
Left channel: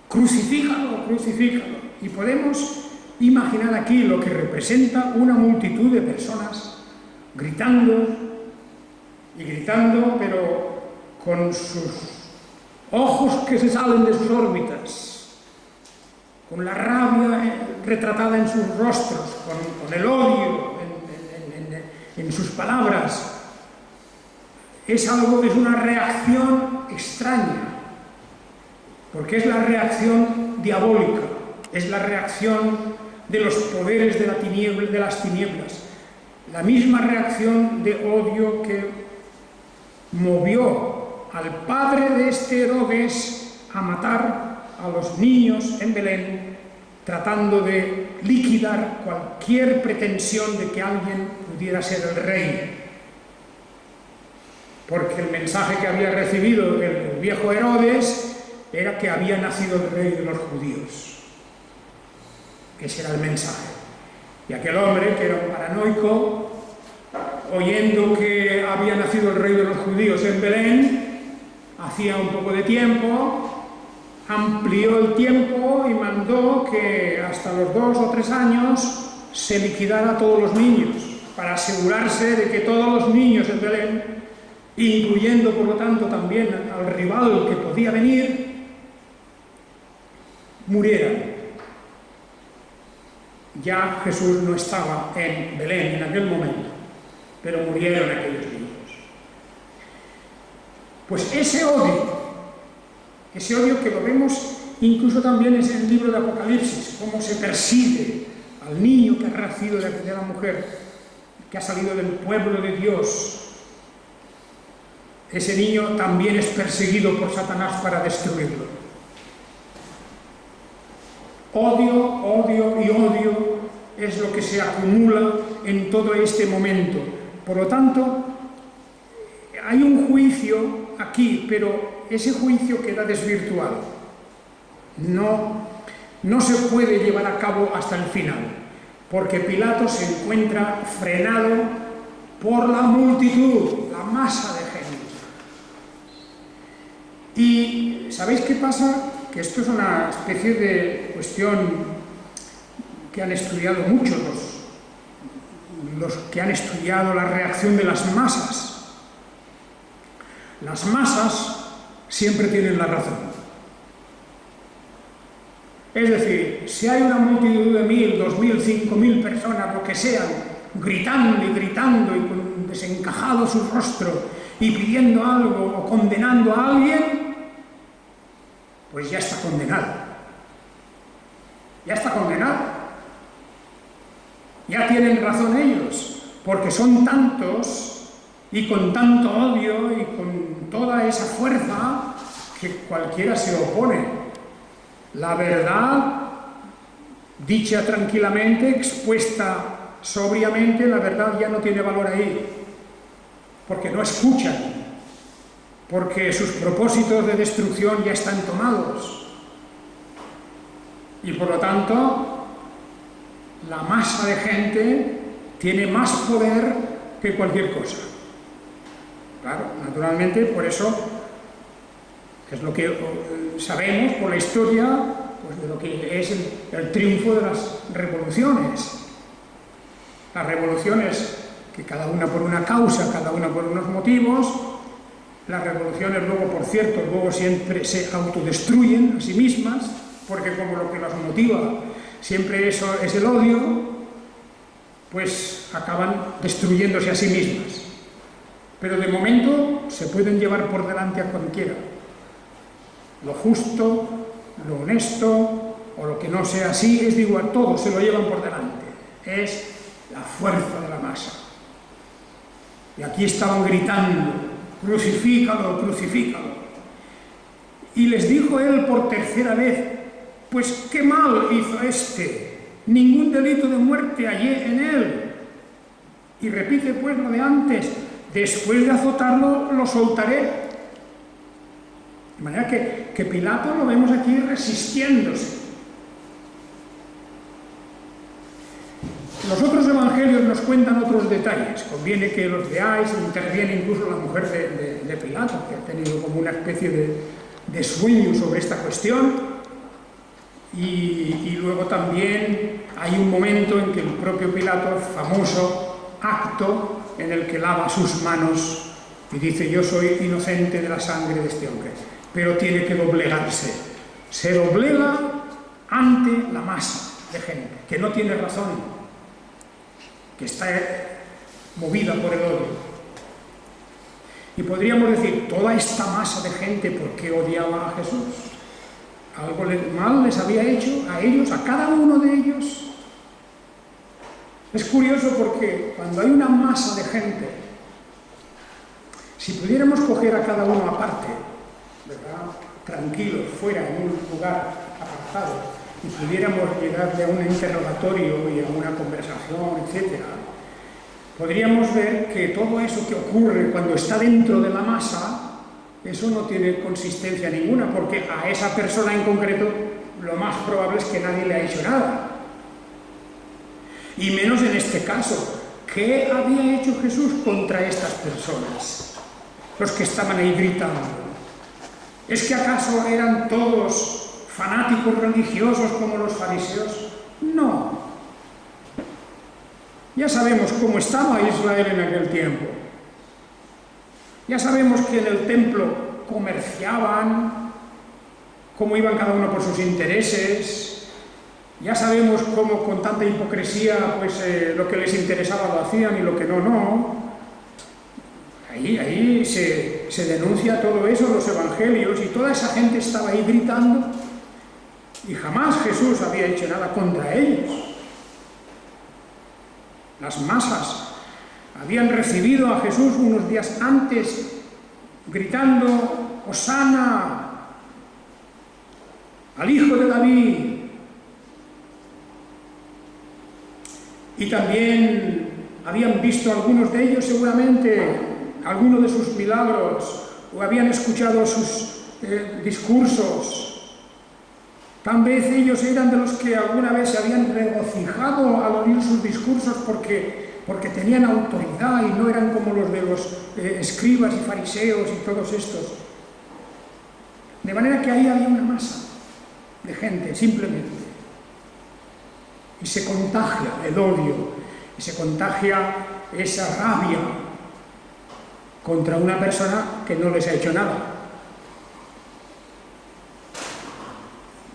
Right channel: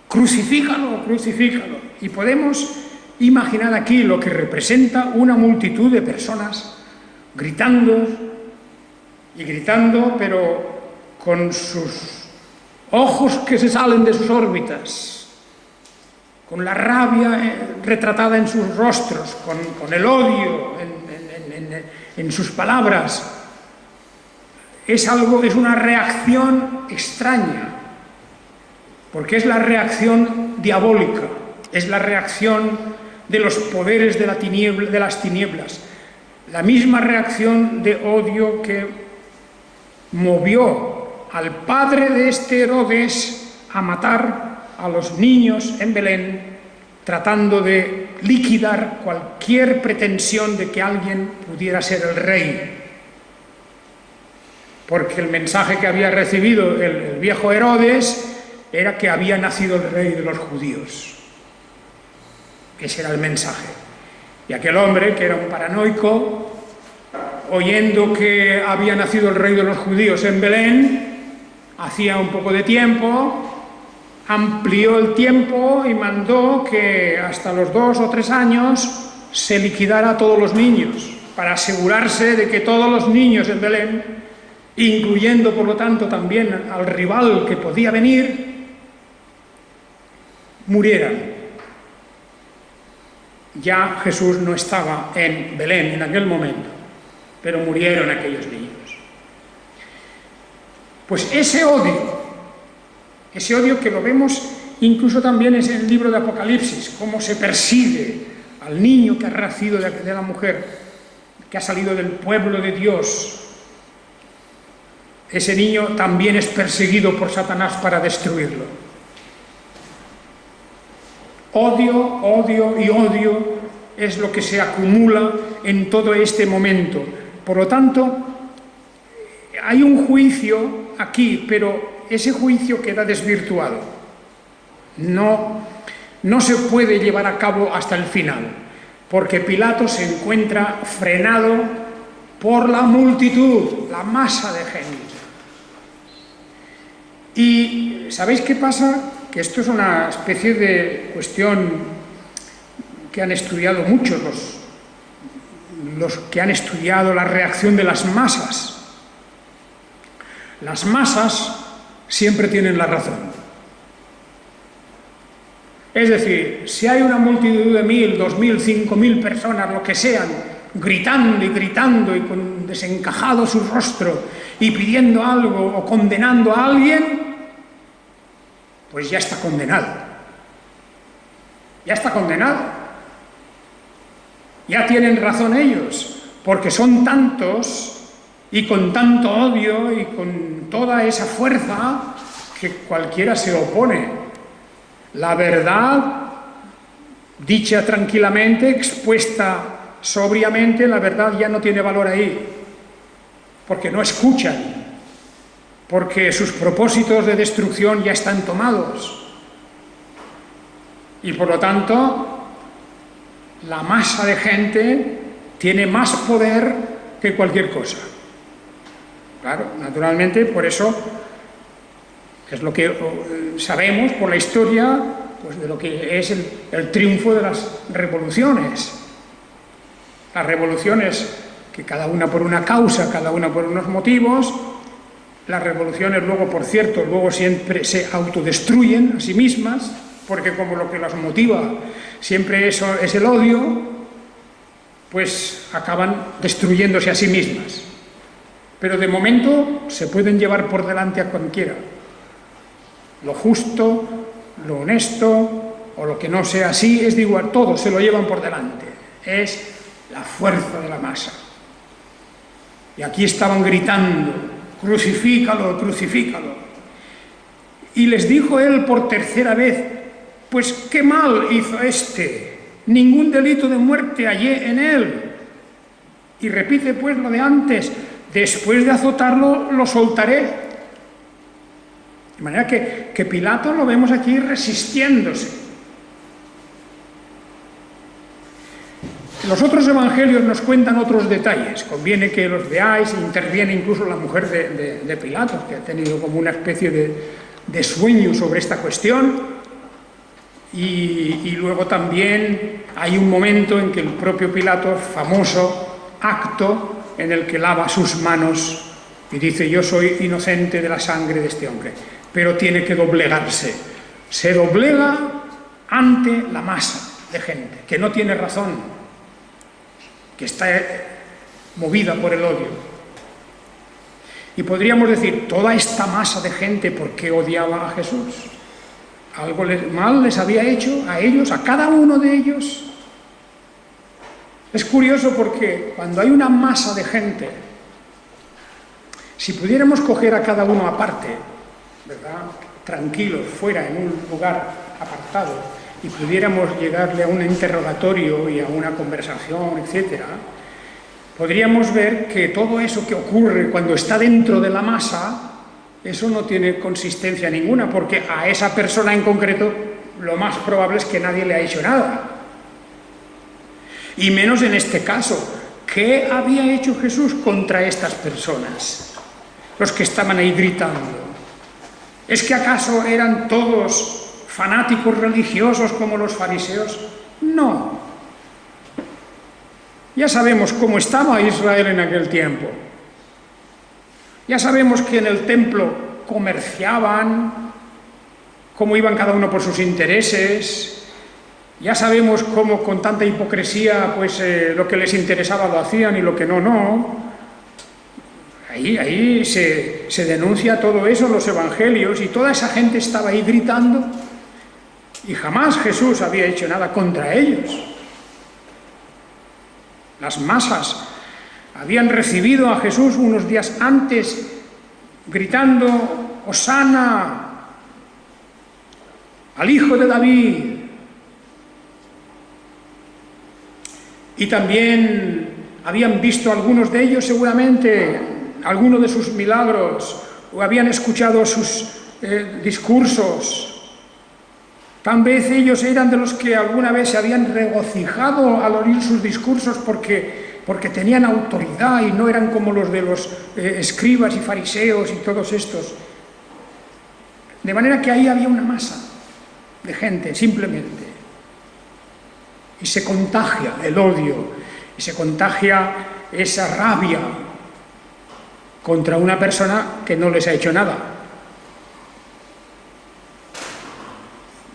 crucifícalo, crucifícalo. Y podemos imaginar aquí lo que representa una multitud de personas gritando y gritando, pero con sus ojos que se salen de sus órbitas, con la rabia retratada en sus rostros, con el odio en sus palabras. Es una reacción extraña, porque es la reacción diabólica, es la reacción de los poderes de las tinieblas, la misma reacción de odio que movió al padre de este Herodes a matar a los niños en Belén, tratando de liquidar cualquier pretensión de que alguien pudiera ser el rey. Porque el mensaje que había recibido el viejo Herodes era que había nacido el rey de los judíos. Ese era el mensaje. Y aquel hombre, que era un paranoico, oyendo que había nacido el rey de los judíos en Belén, hacía un poco de tiempo, amplió el tiempo y mandó que hasta los 2 o 3 años se liquidara a todos los niños, para asegurarse de que todos los niños en Belén, incluyendo por lo tanto también al rival que podía venir, murieran. Ya Jesús no estaba en Belén en aquel momento, pero murieron aquellos niños. Pues ese odio que lo vemos incluso también en el libro de Apocalipsis, cómo se persigue al niño que ha nacido de la mujer, que ha salido del pueblo de Dios. Ese niño también es perseguido por Satanás para destruirlo. Odio, odio y odio es lo que se acumula en todo este momento. Por lo tanto, hay un juicio aquí, pero ese juicio queda desvirtuado. No se puede llevar a cabo hasta el final, porque Pilato se encuentra frenado por la multitud, la masa de gente. Y ¿sabéis qué pasa? Que esto es una especie de cuestión que han estudiado muchos los que han estudiado la reacción de las masas. Las masas siempre tienen la razón. Es decir, si hay una multitud de 1.000, 2.000, 5.000 personas, lo que sean, gritando y con desencajado su rostro y pidiendo algo o condenando a alguien, pues ya está condenado. Ya está condenado. Ya tienen razón ellos, porque son tantos y con tanto odio y con toda esa fuerza que cualquiera se opone. La verdad, dicha tranquilamente, expuesta sobriamente, la verdad ya no tiene valor ahí, porque no escuchan, porque sus propósitos de destrucción ya están tomados. Y por lo tanto, la masa de gente tiene más poder que cualquier cosa. Claro, naturalmente, por eso es lo que sabemos por la historia, pues de lo que es el triunfo de las revoluciones. Las revoluciones, que cada una por una causa, cada una por unos motivos. Las revoluciones luego, por cierto, luego siempre se autodestruyen a sí mismas, porque como lo que las motiva siempre eso es el odio, pues acaban destruyéndose a sí mismas. Pero de momento se pueden llevar por delante a cualquiera. Lo justo, lo honesto, o lo que no sea así, es de igual, todo se lo llevan por delante. Es la fuerza de la masa. Y aquí estaban gritando: crucifícalo, crucifícalo. Y les dijo él por tercera vez: pues qué mal hizo este, ningún delito de muerte hallé en él. Y repite pues lo de antes: después de azotarlo, lo soltaré. De manera que Pilato lo vemos aquí resistiéndose. Los otros evangelios nos cuentan otros detalles, conviene que los veáis. Interviene incluso la mujer de Pilato, que ha tenido como una especie de sueño sobre esta cuestión, y luego también hay un momento en que el propio Pilato, famoso acto en el que lava sus manos y dice: yo soy inocente de la sangre de este hombre, pero tiene que doblegarse. Se doblega ante la masa de gente que no tiene razón, que está movida por el odio. Y podríamos decir: toda esta masa de gente, ¿por qué odiaba a Jesús? ¿Algo mal les había hecho a ellos, a cada uno de ellos? Es curioso porque cuando hay una masa de gente, si pudiéramos coger a cada uno aparte, ¿verdad?, tranquilos, fuera, en un lugar apartado, y pudiéramos llegarle a un interrogatorio y a una conversación, etcétera, podríamos ver que todo eso que ocurre cuando está dentro de la masa, eso no tiene consistencia ninguna, porque a esa persona en concreto lo más probable es que nadie le ha hecho nada. Y menos en este caso. ¿Qué había hecho Jesús contra estas personas? Los que estaban ahí gritando. ¿Es que acaso eran todos fanáticos religiosos como los fariseos? No. Ya sabemos cómo estaba Israel en aquel tiempo. Ya sabemos que en el templo comerciaban, cómo iban cada uno por sus intereses. Ya sabemos cómo con tanta hipocresía pues lo que les interesaba lo hacían y lo que no, no. Ahí se denuncia todo eso en los evangelios, y toda esa gente estaba ahí gritando, y jamás Jesús había hecho nada contra ellos. Las masas habían recibido a Jesús unos días antes gritando: «Hosana al Hijo de David». Y también habían visto algunos de ellos seguramente algunos de sus milagros, o habían escuchado sus discursos. Tal vez ellos eran de los que alguna vez se habían regocijado al oír sus discursos porque tenían autoridad y no eran como los de los escribas y fariseos y todos estos. De manera que ahí había una masa de gente, simplemente. Y se contagia el odio, y se contagia esa rabia contra una persona que no les ha hecho nada.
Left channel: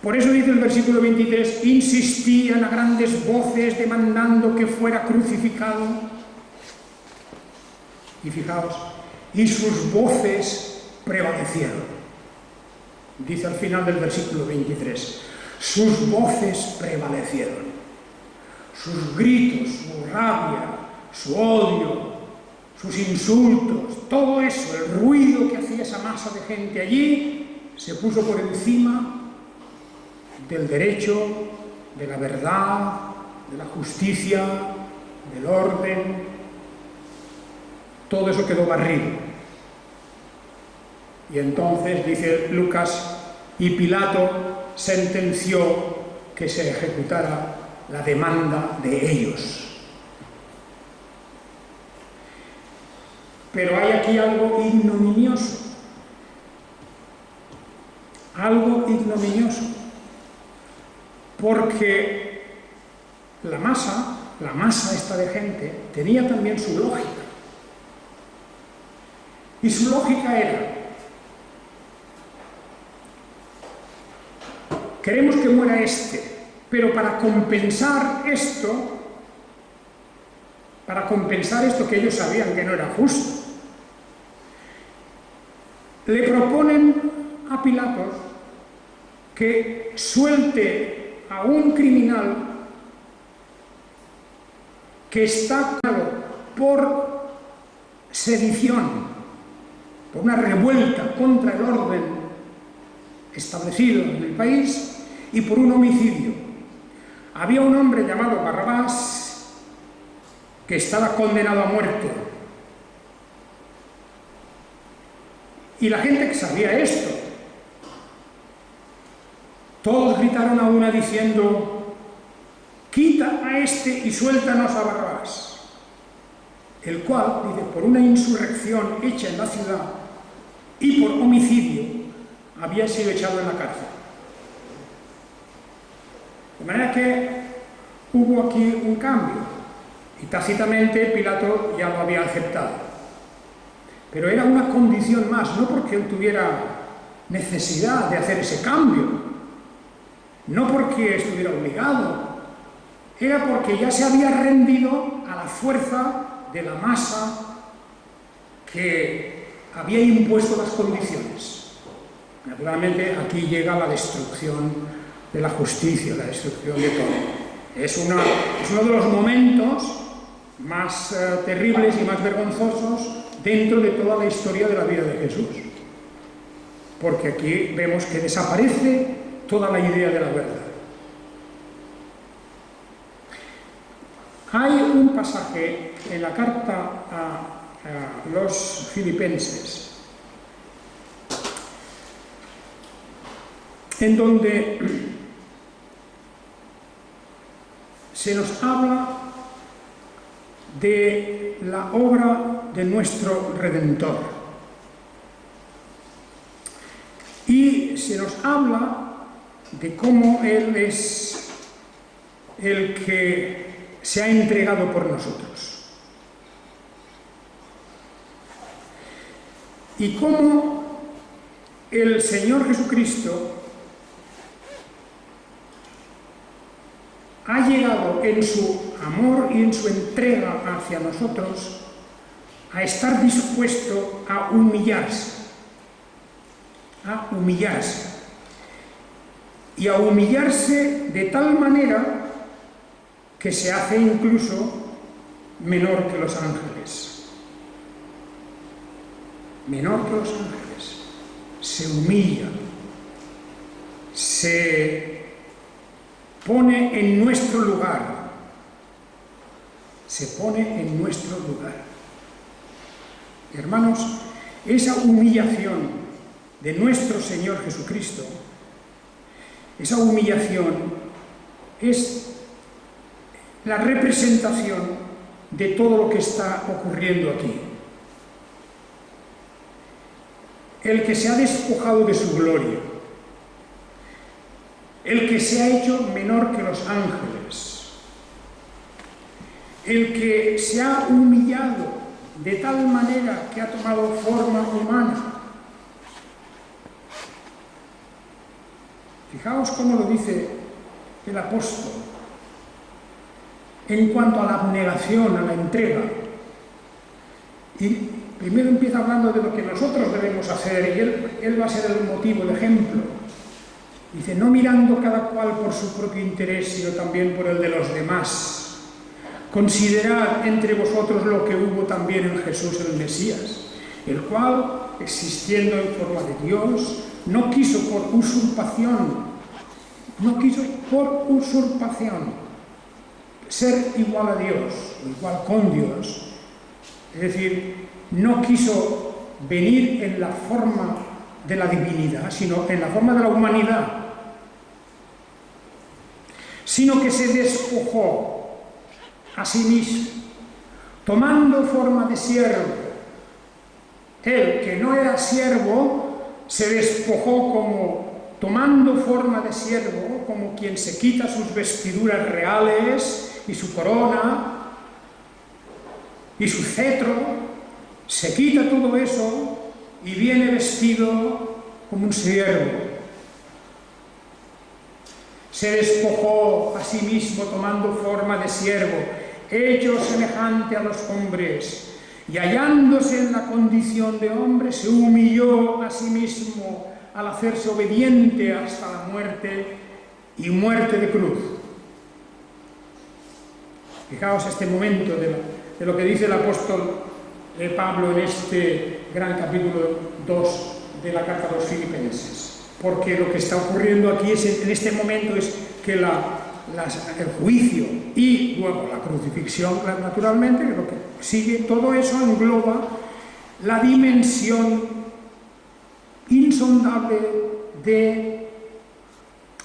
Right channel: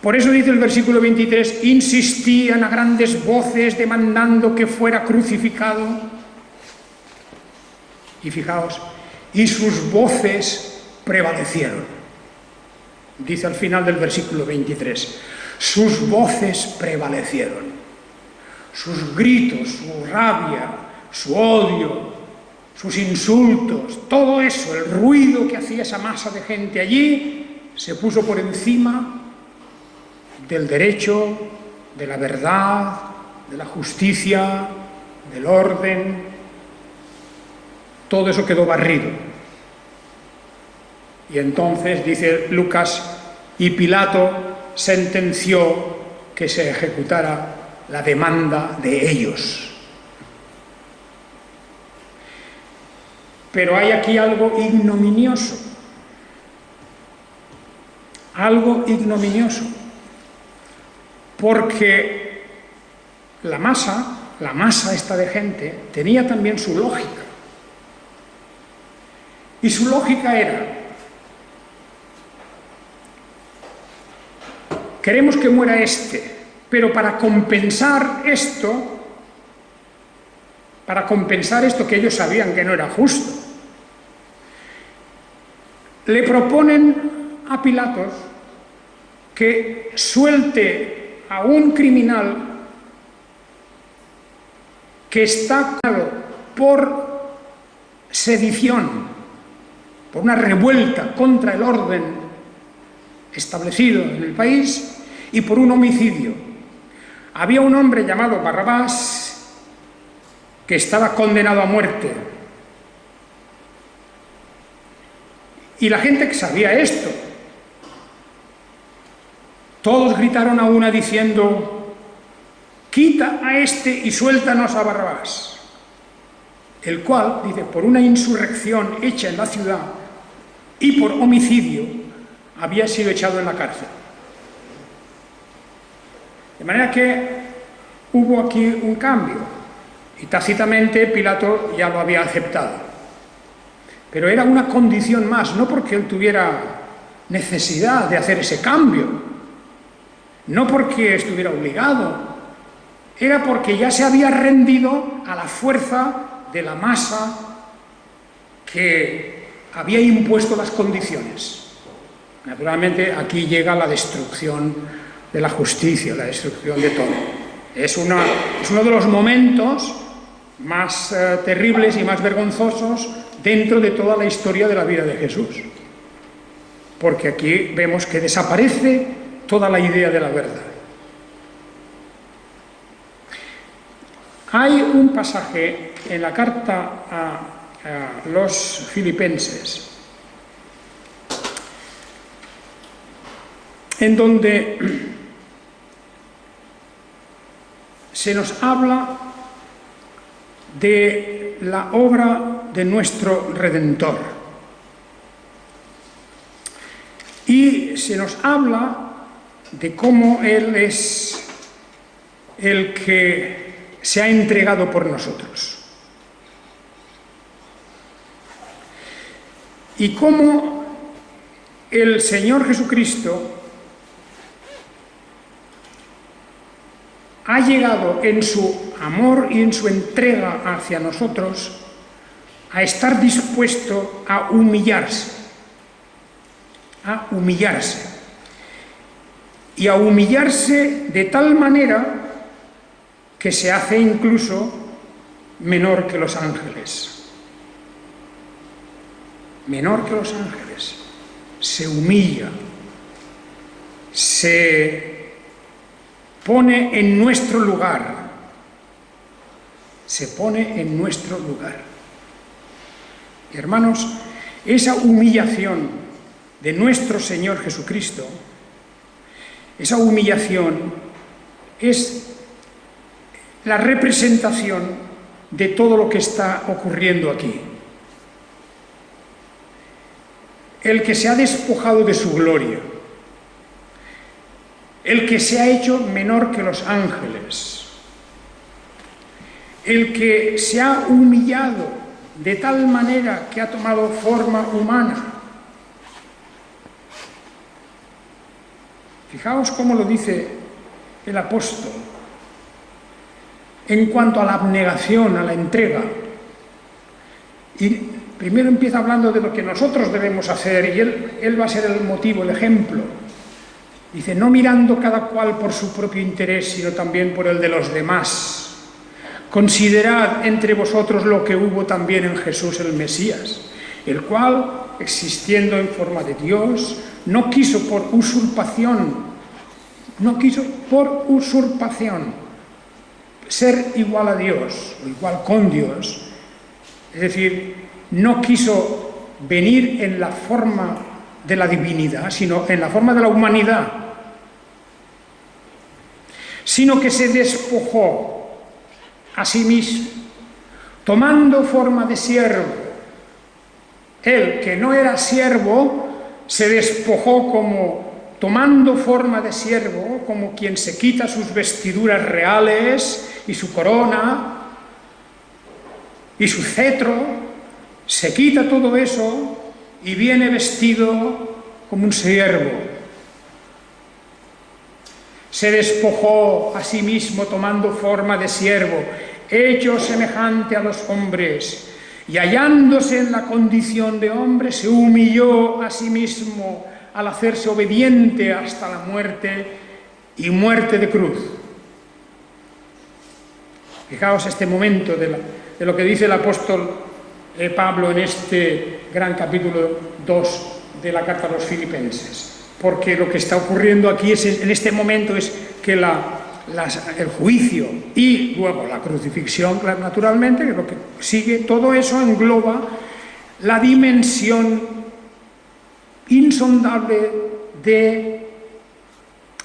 Por eso dice el versículo 23, insistían a grandes voces demandando que fuera crucificado. Y fijaos, y sus voces prevalecieron. Dice al final del versículo 23, sus voces prevalecieron. Sus gritos, su rabia, su odio, sus insultos, todo eso, el ruido que hacía esa masa de gente allí, se puso por encima del derecho, de la verdad, de la justicia, del orden. Todo eso quedó barrido. Y entonces, dice Lucas, y Pilato sentenció que se ejecutara la demanda de ellos. Pero hay aquí algo ignominioso. Algo ignominioso. Porque la masa esta de gente, tenía también su lógica. Y su lógica era: queremos que muera este, pero para compensar esto que ellos sabían que no era justo, le proponen a Pilatos que suelte a un criminal que está acusado por sedición, por una revuelta contra el orden establecido en el país, y por un homicidio. Había un hombre llamado Barrabás que estaba condenado a muerte. Y la gente que sabía esto, todos gritaron a una diciendo: quita a este y suéltanos a Barrabás. El cual, dice, por una insurrección hecha en la ciudad y por homicidio, había sido echado en la cárcel. De manera que hubo aquí un cambio, y tácitamente Pilato ya lo había aceptado. Pero era una condición más, no porque él tuviera necesidad de hacer ese cambio, no porque estuviera obligado, era porque ya se había rendido a la fuerza de la masa que había impuesto las condiciones. Naturalmente, aquí llega la destrucción de la justicia, la destrucción de todo. Es uno de los momentos más terribles y más vergonzosos dentro de toda la historia de la vida de Jesús. Porque aquí vemos que desaparece toda la idea de la verdad. Hay un pasaje en la carta a los Filipenses en donde se nos habla de la obra de nuestro Redentor. Y se nos habla de cómo Él es el que se ha entregado por nosotros. Y cómo el Señor Jesucristo ha llegado en su amor y en su entrega hacia nosotros a estar dispuesto a humillarse. A humillarse. Y a humillarse de tal manera que se hace incluso menor que los ángeles. Menor que los ángeles. Se humilla. Se pone en nuestro lugar. Se pone en nuestro lugar. Y hermanos, esa humillación de nuestro Señor Jesucristo, esa humillación es la representación de todo lo que está ocurriendo aquí. El que se ha despojado de su gloria, el que se ha hecho menor que los ángeles, el que se ha humillado de tal manera que ha tomado forma humana. Fijaos cómo lo dice el apóstol en cuanto a la abnegación, a la entrega. Y primero empieza hablando de lo que nosotros debemos hacer, y él va a ser el motivo, el ejemplo. Dice, no mirando cada cual por su propio interés, sino también por el de los demás. Considerad entre vosotros lo que hubo también en Jesús el Mesías, el cual, existiendo en forma de Dios, no quiso por usurpación ser igual a Dios o igual con Dios. Es decir, no quiso venir en la forma de la divinidad, sino en la forma de la humanidad, sino que se despojó a sí mismo, tomando forma de siervo. Él, que no era siervo, se despojó como tomando forma de siervo, como quien se quita sus vestiduras reales y su corona y su cetro, se quita todo eso y viene vestido como un siervo. Se despojó a sí mismo tomando forma de siervo, hecho semejante a los hombres, y hallándose en la condición de hombre, se humilló a sí mismo al hacerse obediente hasta la muerte y muerte de cruz. Fijaos este momento de lo que dice el apóstol Pablo en este gran capítulo 2 de la carta a los Filipenses. Porque lo que está ocurriendo aquí en este momento es que el juicio y luego la crucifixión, naturalmente, que es lo que sigue, todo eso engloba la dimensión insondable de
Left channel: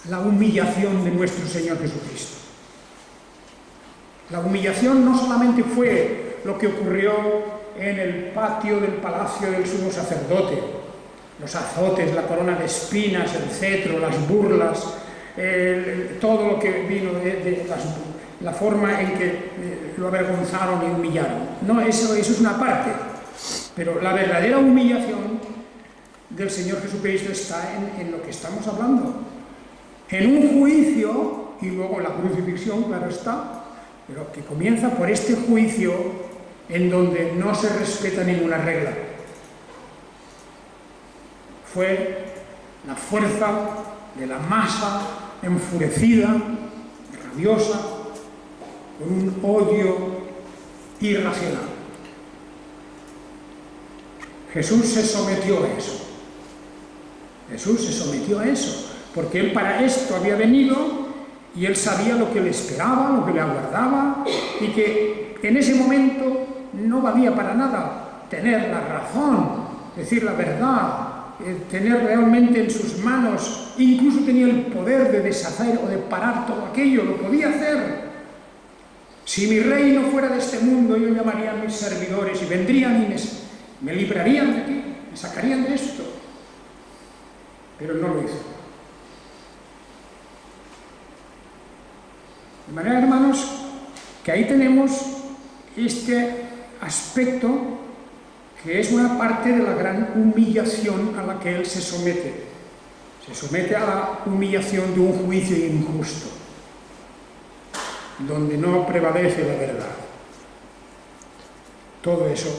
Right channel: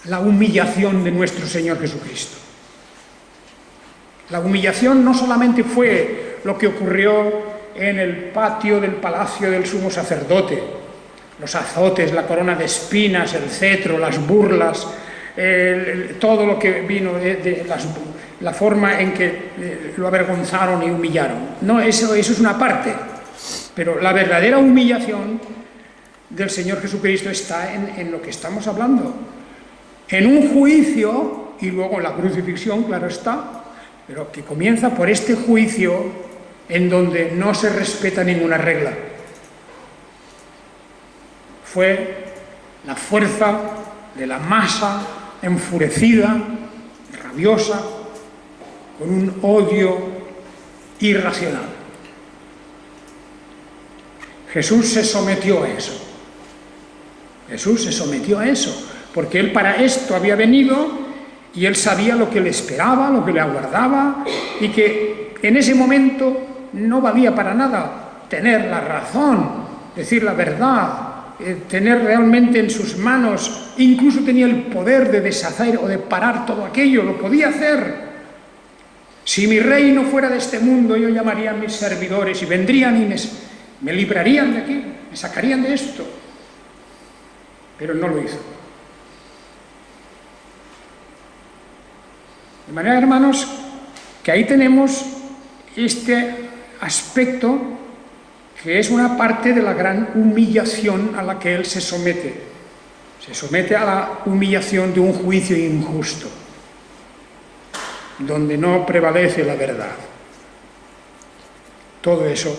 la humillación de nuestro Señor Jesucristo. La humillación no solamente fue lo que ocurrió en el patio del palacio del sumo sacerdote, los azotes, la corona de espinas, el cetro, las burlas, todo lo que vino de la forma en que lo avergonzaron y humillaron. No, eso es una parte, pero la verdadera humillación del Señor Jesucristo está en lo que estamos hablando, en un juicio y luego la crucifixión, claro está, pero que comienza por este juicio en donde no se respeta ninguna regla. Fue la fuerza de la masa enfurecida, rabiosa, con un odio irracional. Jesús se sometió a eso. Jesús se sometió a eso, porque Él para esto había venido y Él sabía lo que le esperaba, lo que le aguardaba, y que en ese momento no valía para nada tener la razón, decir la verdad, tener realmente en sus manos, incluso tenía el poder de deshacer o de parar todo aquello, lo podía hacer. Si mi reino fuera de este mundo, yo llamaría a mis servidores y vendrían y me librarían de aquí, me sacarían de esto. Pero no lo hizo. De manera, hermanos, que ahí tenemos este aspecto que es una parte de la gran humillación a la que Él se somete. Se somete a la humillación de un juicio injusto, donde no prevalece la verdad. Todo eso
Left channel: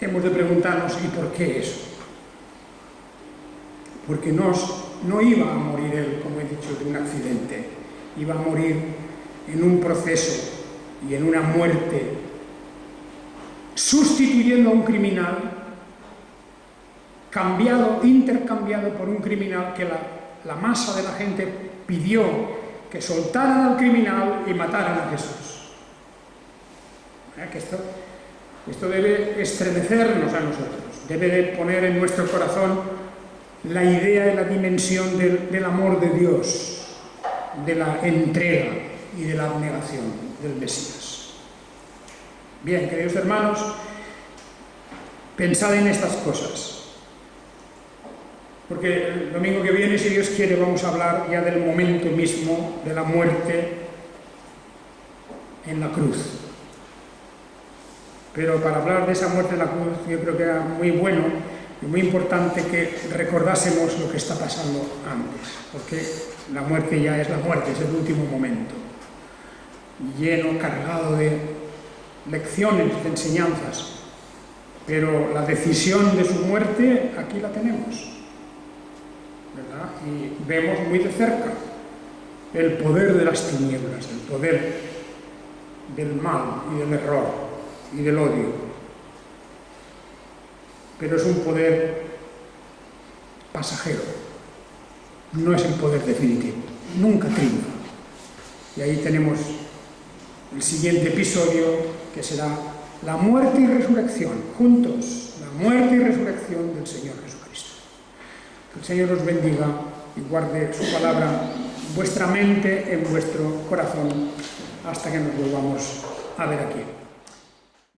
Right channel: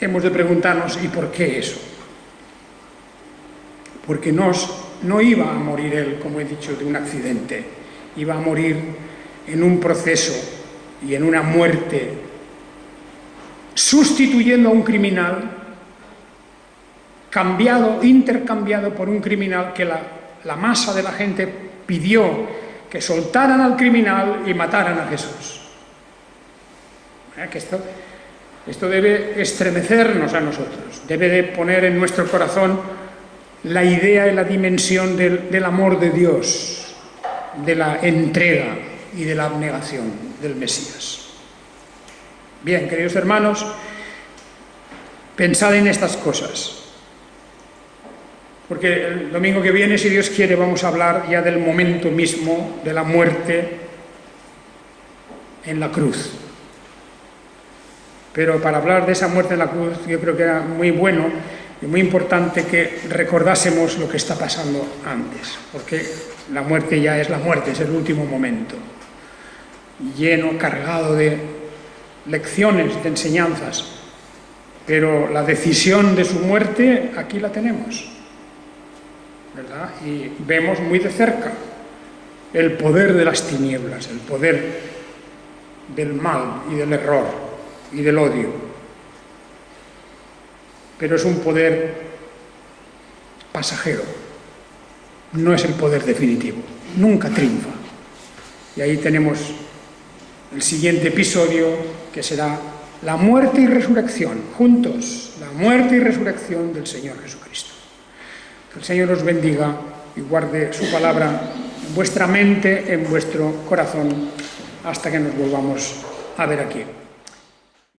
hemos de preguntarnos, ¿y por qué eso? Porque no iba a morir él, como he dicho, de un accidente, iba a morir en un proceso y en una muerte, sustituyendo a un criminal, intercambiado por un criminal que la masa de la gente pidió que soltaran al criminal y mataran a Jesús. Que esto debe estremecernos a nosotros, debe de poner en nuestro corazón la idea y la dimensión del amor de Dios, de la entrega y de la abnegación del Mesías. Bien, queridos hermanos, pensad en estas cosas, porque el domingo que viene, si Dios quiere, vamos a hablar ya del momento mismo de la muerte en la cruz. Pero para hablar de esa muerte en la cruz, yo creo que era muy bueno y muy importante que recordásemos lo que está pasando antes, porque la muerte ya es la muerte, es el último momento, lleno, cargado de lecciones, de enseñanzas, pero la decisión de su muerte aquí la tenemos, ¿verdad? Y vemos muy de cerca el poder de las tinieblas, el poder del mal y del error y del odio. Pero es un poder pasajero, no es el poder definitivo, nunca triunfa. Y ahí tenemos el siguiente episodio, que será la muerte y resurrección, juntos, la muerte y resurrección del Señor Jesucristo. Que el Señor os bendiga y guarde su palabra en vuestra mente, en vuestro corazón, hasta que nos volvamos a ver aquí.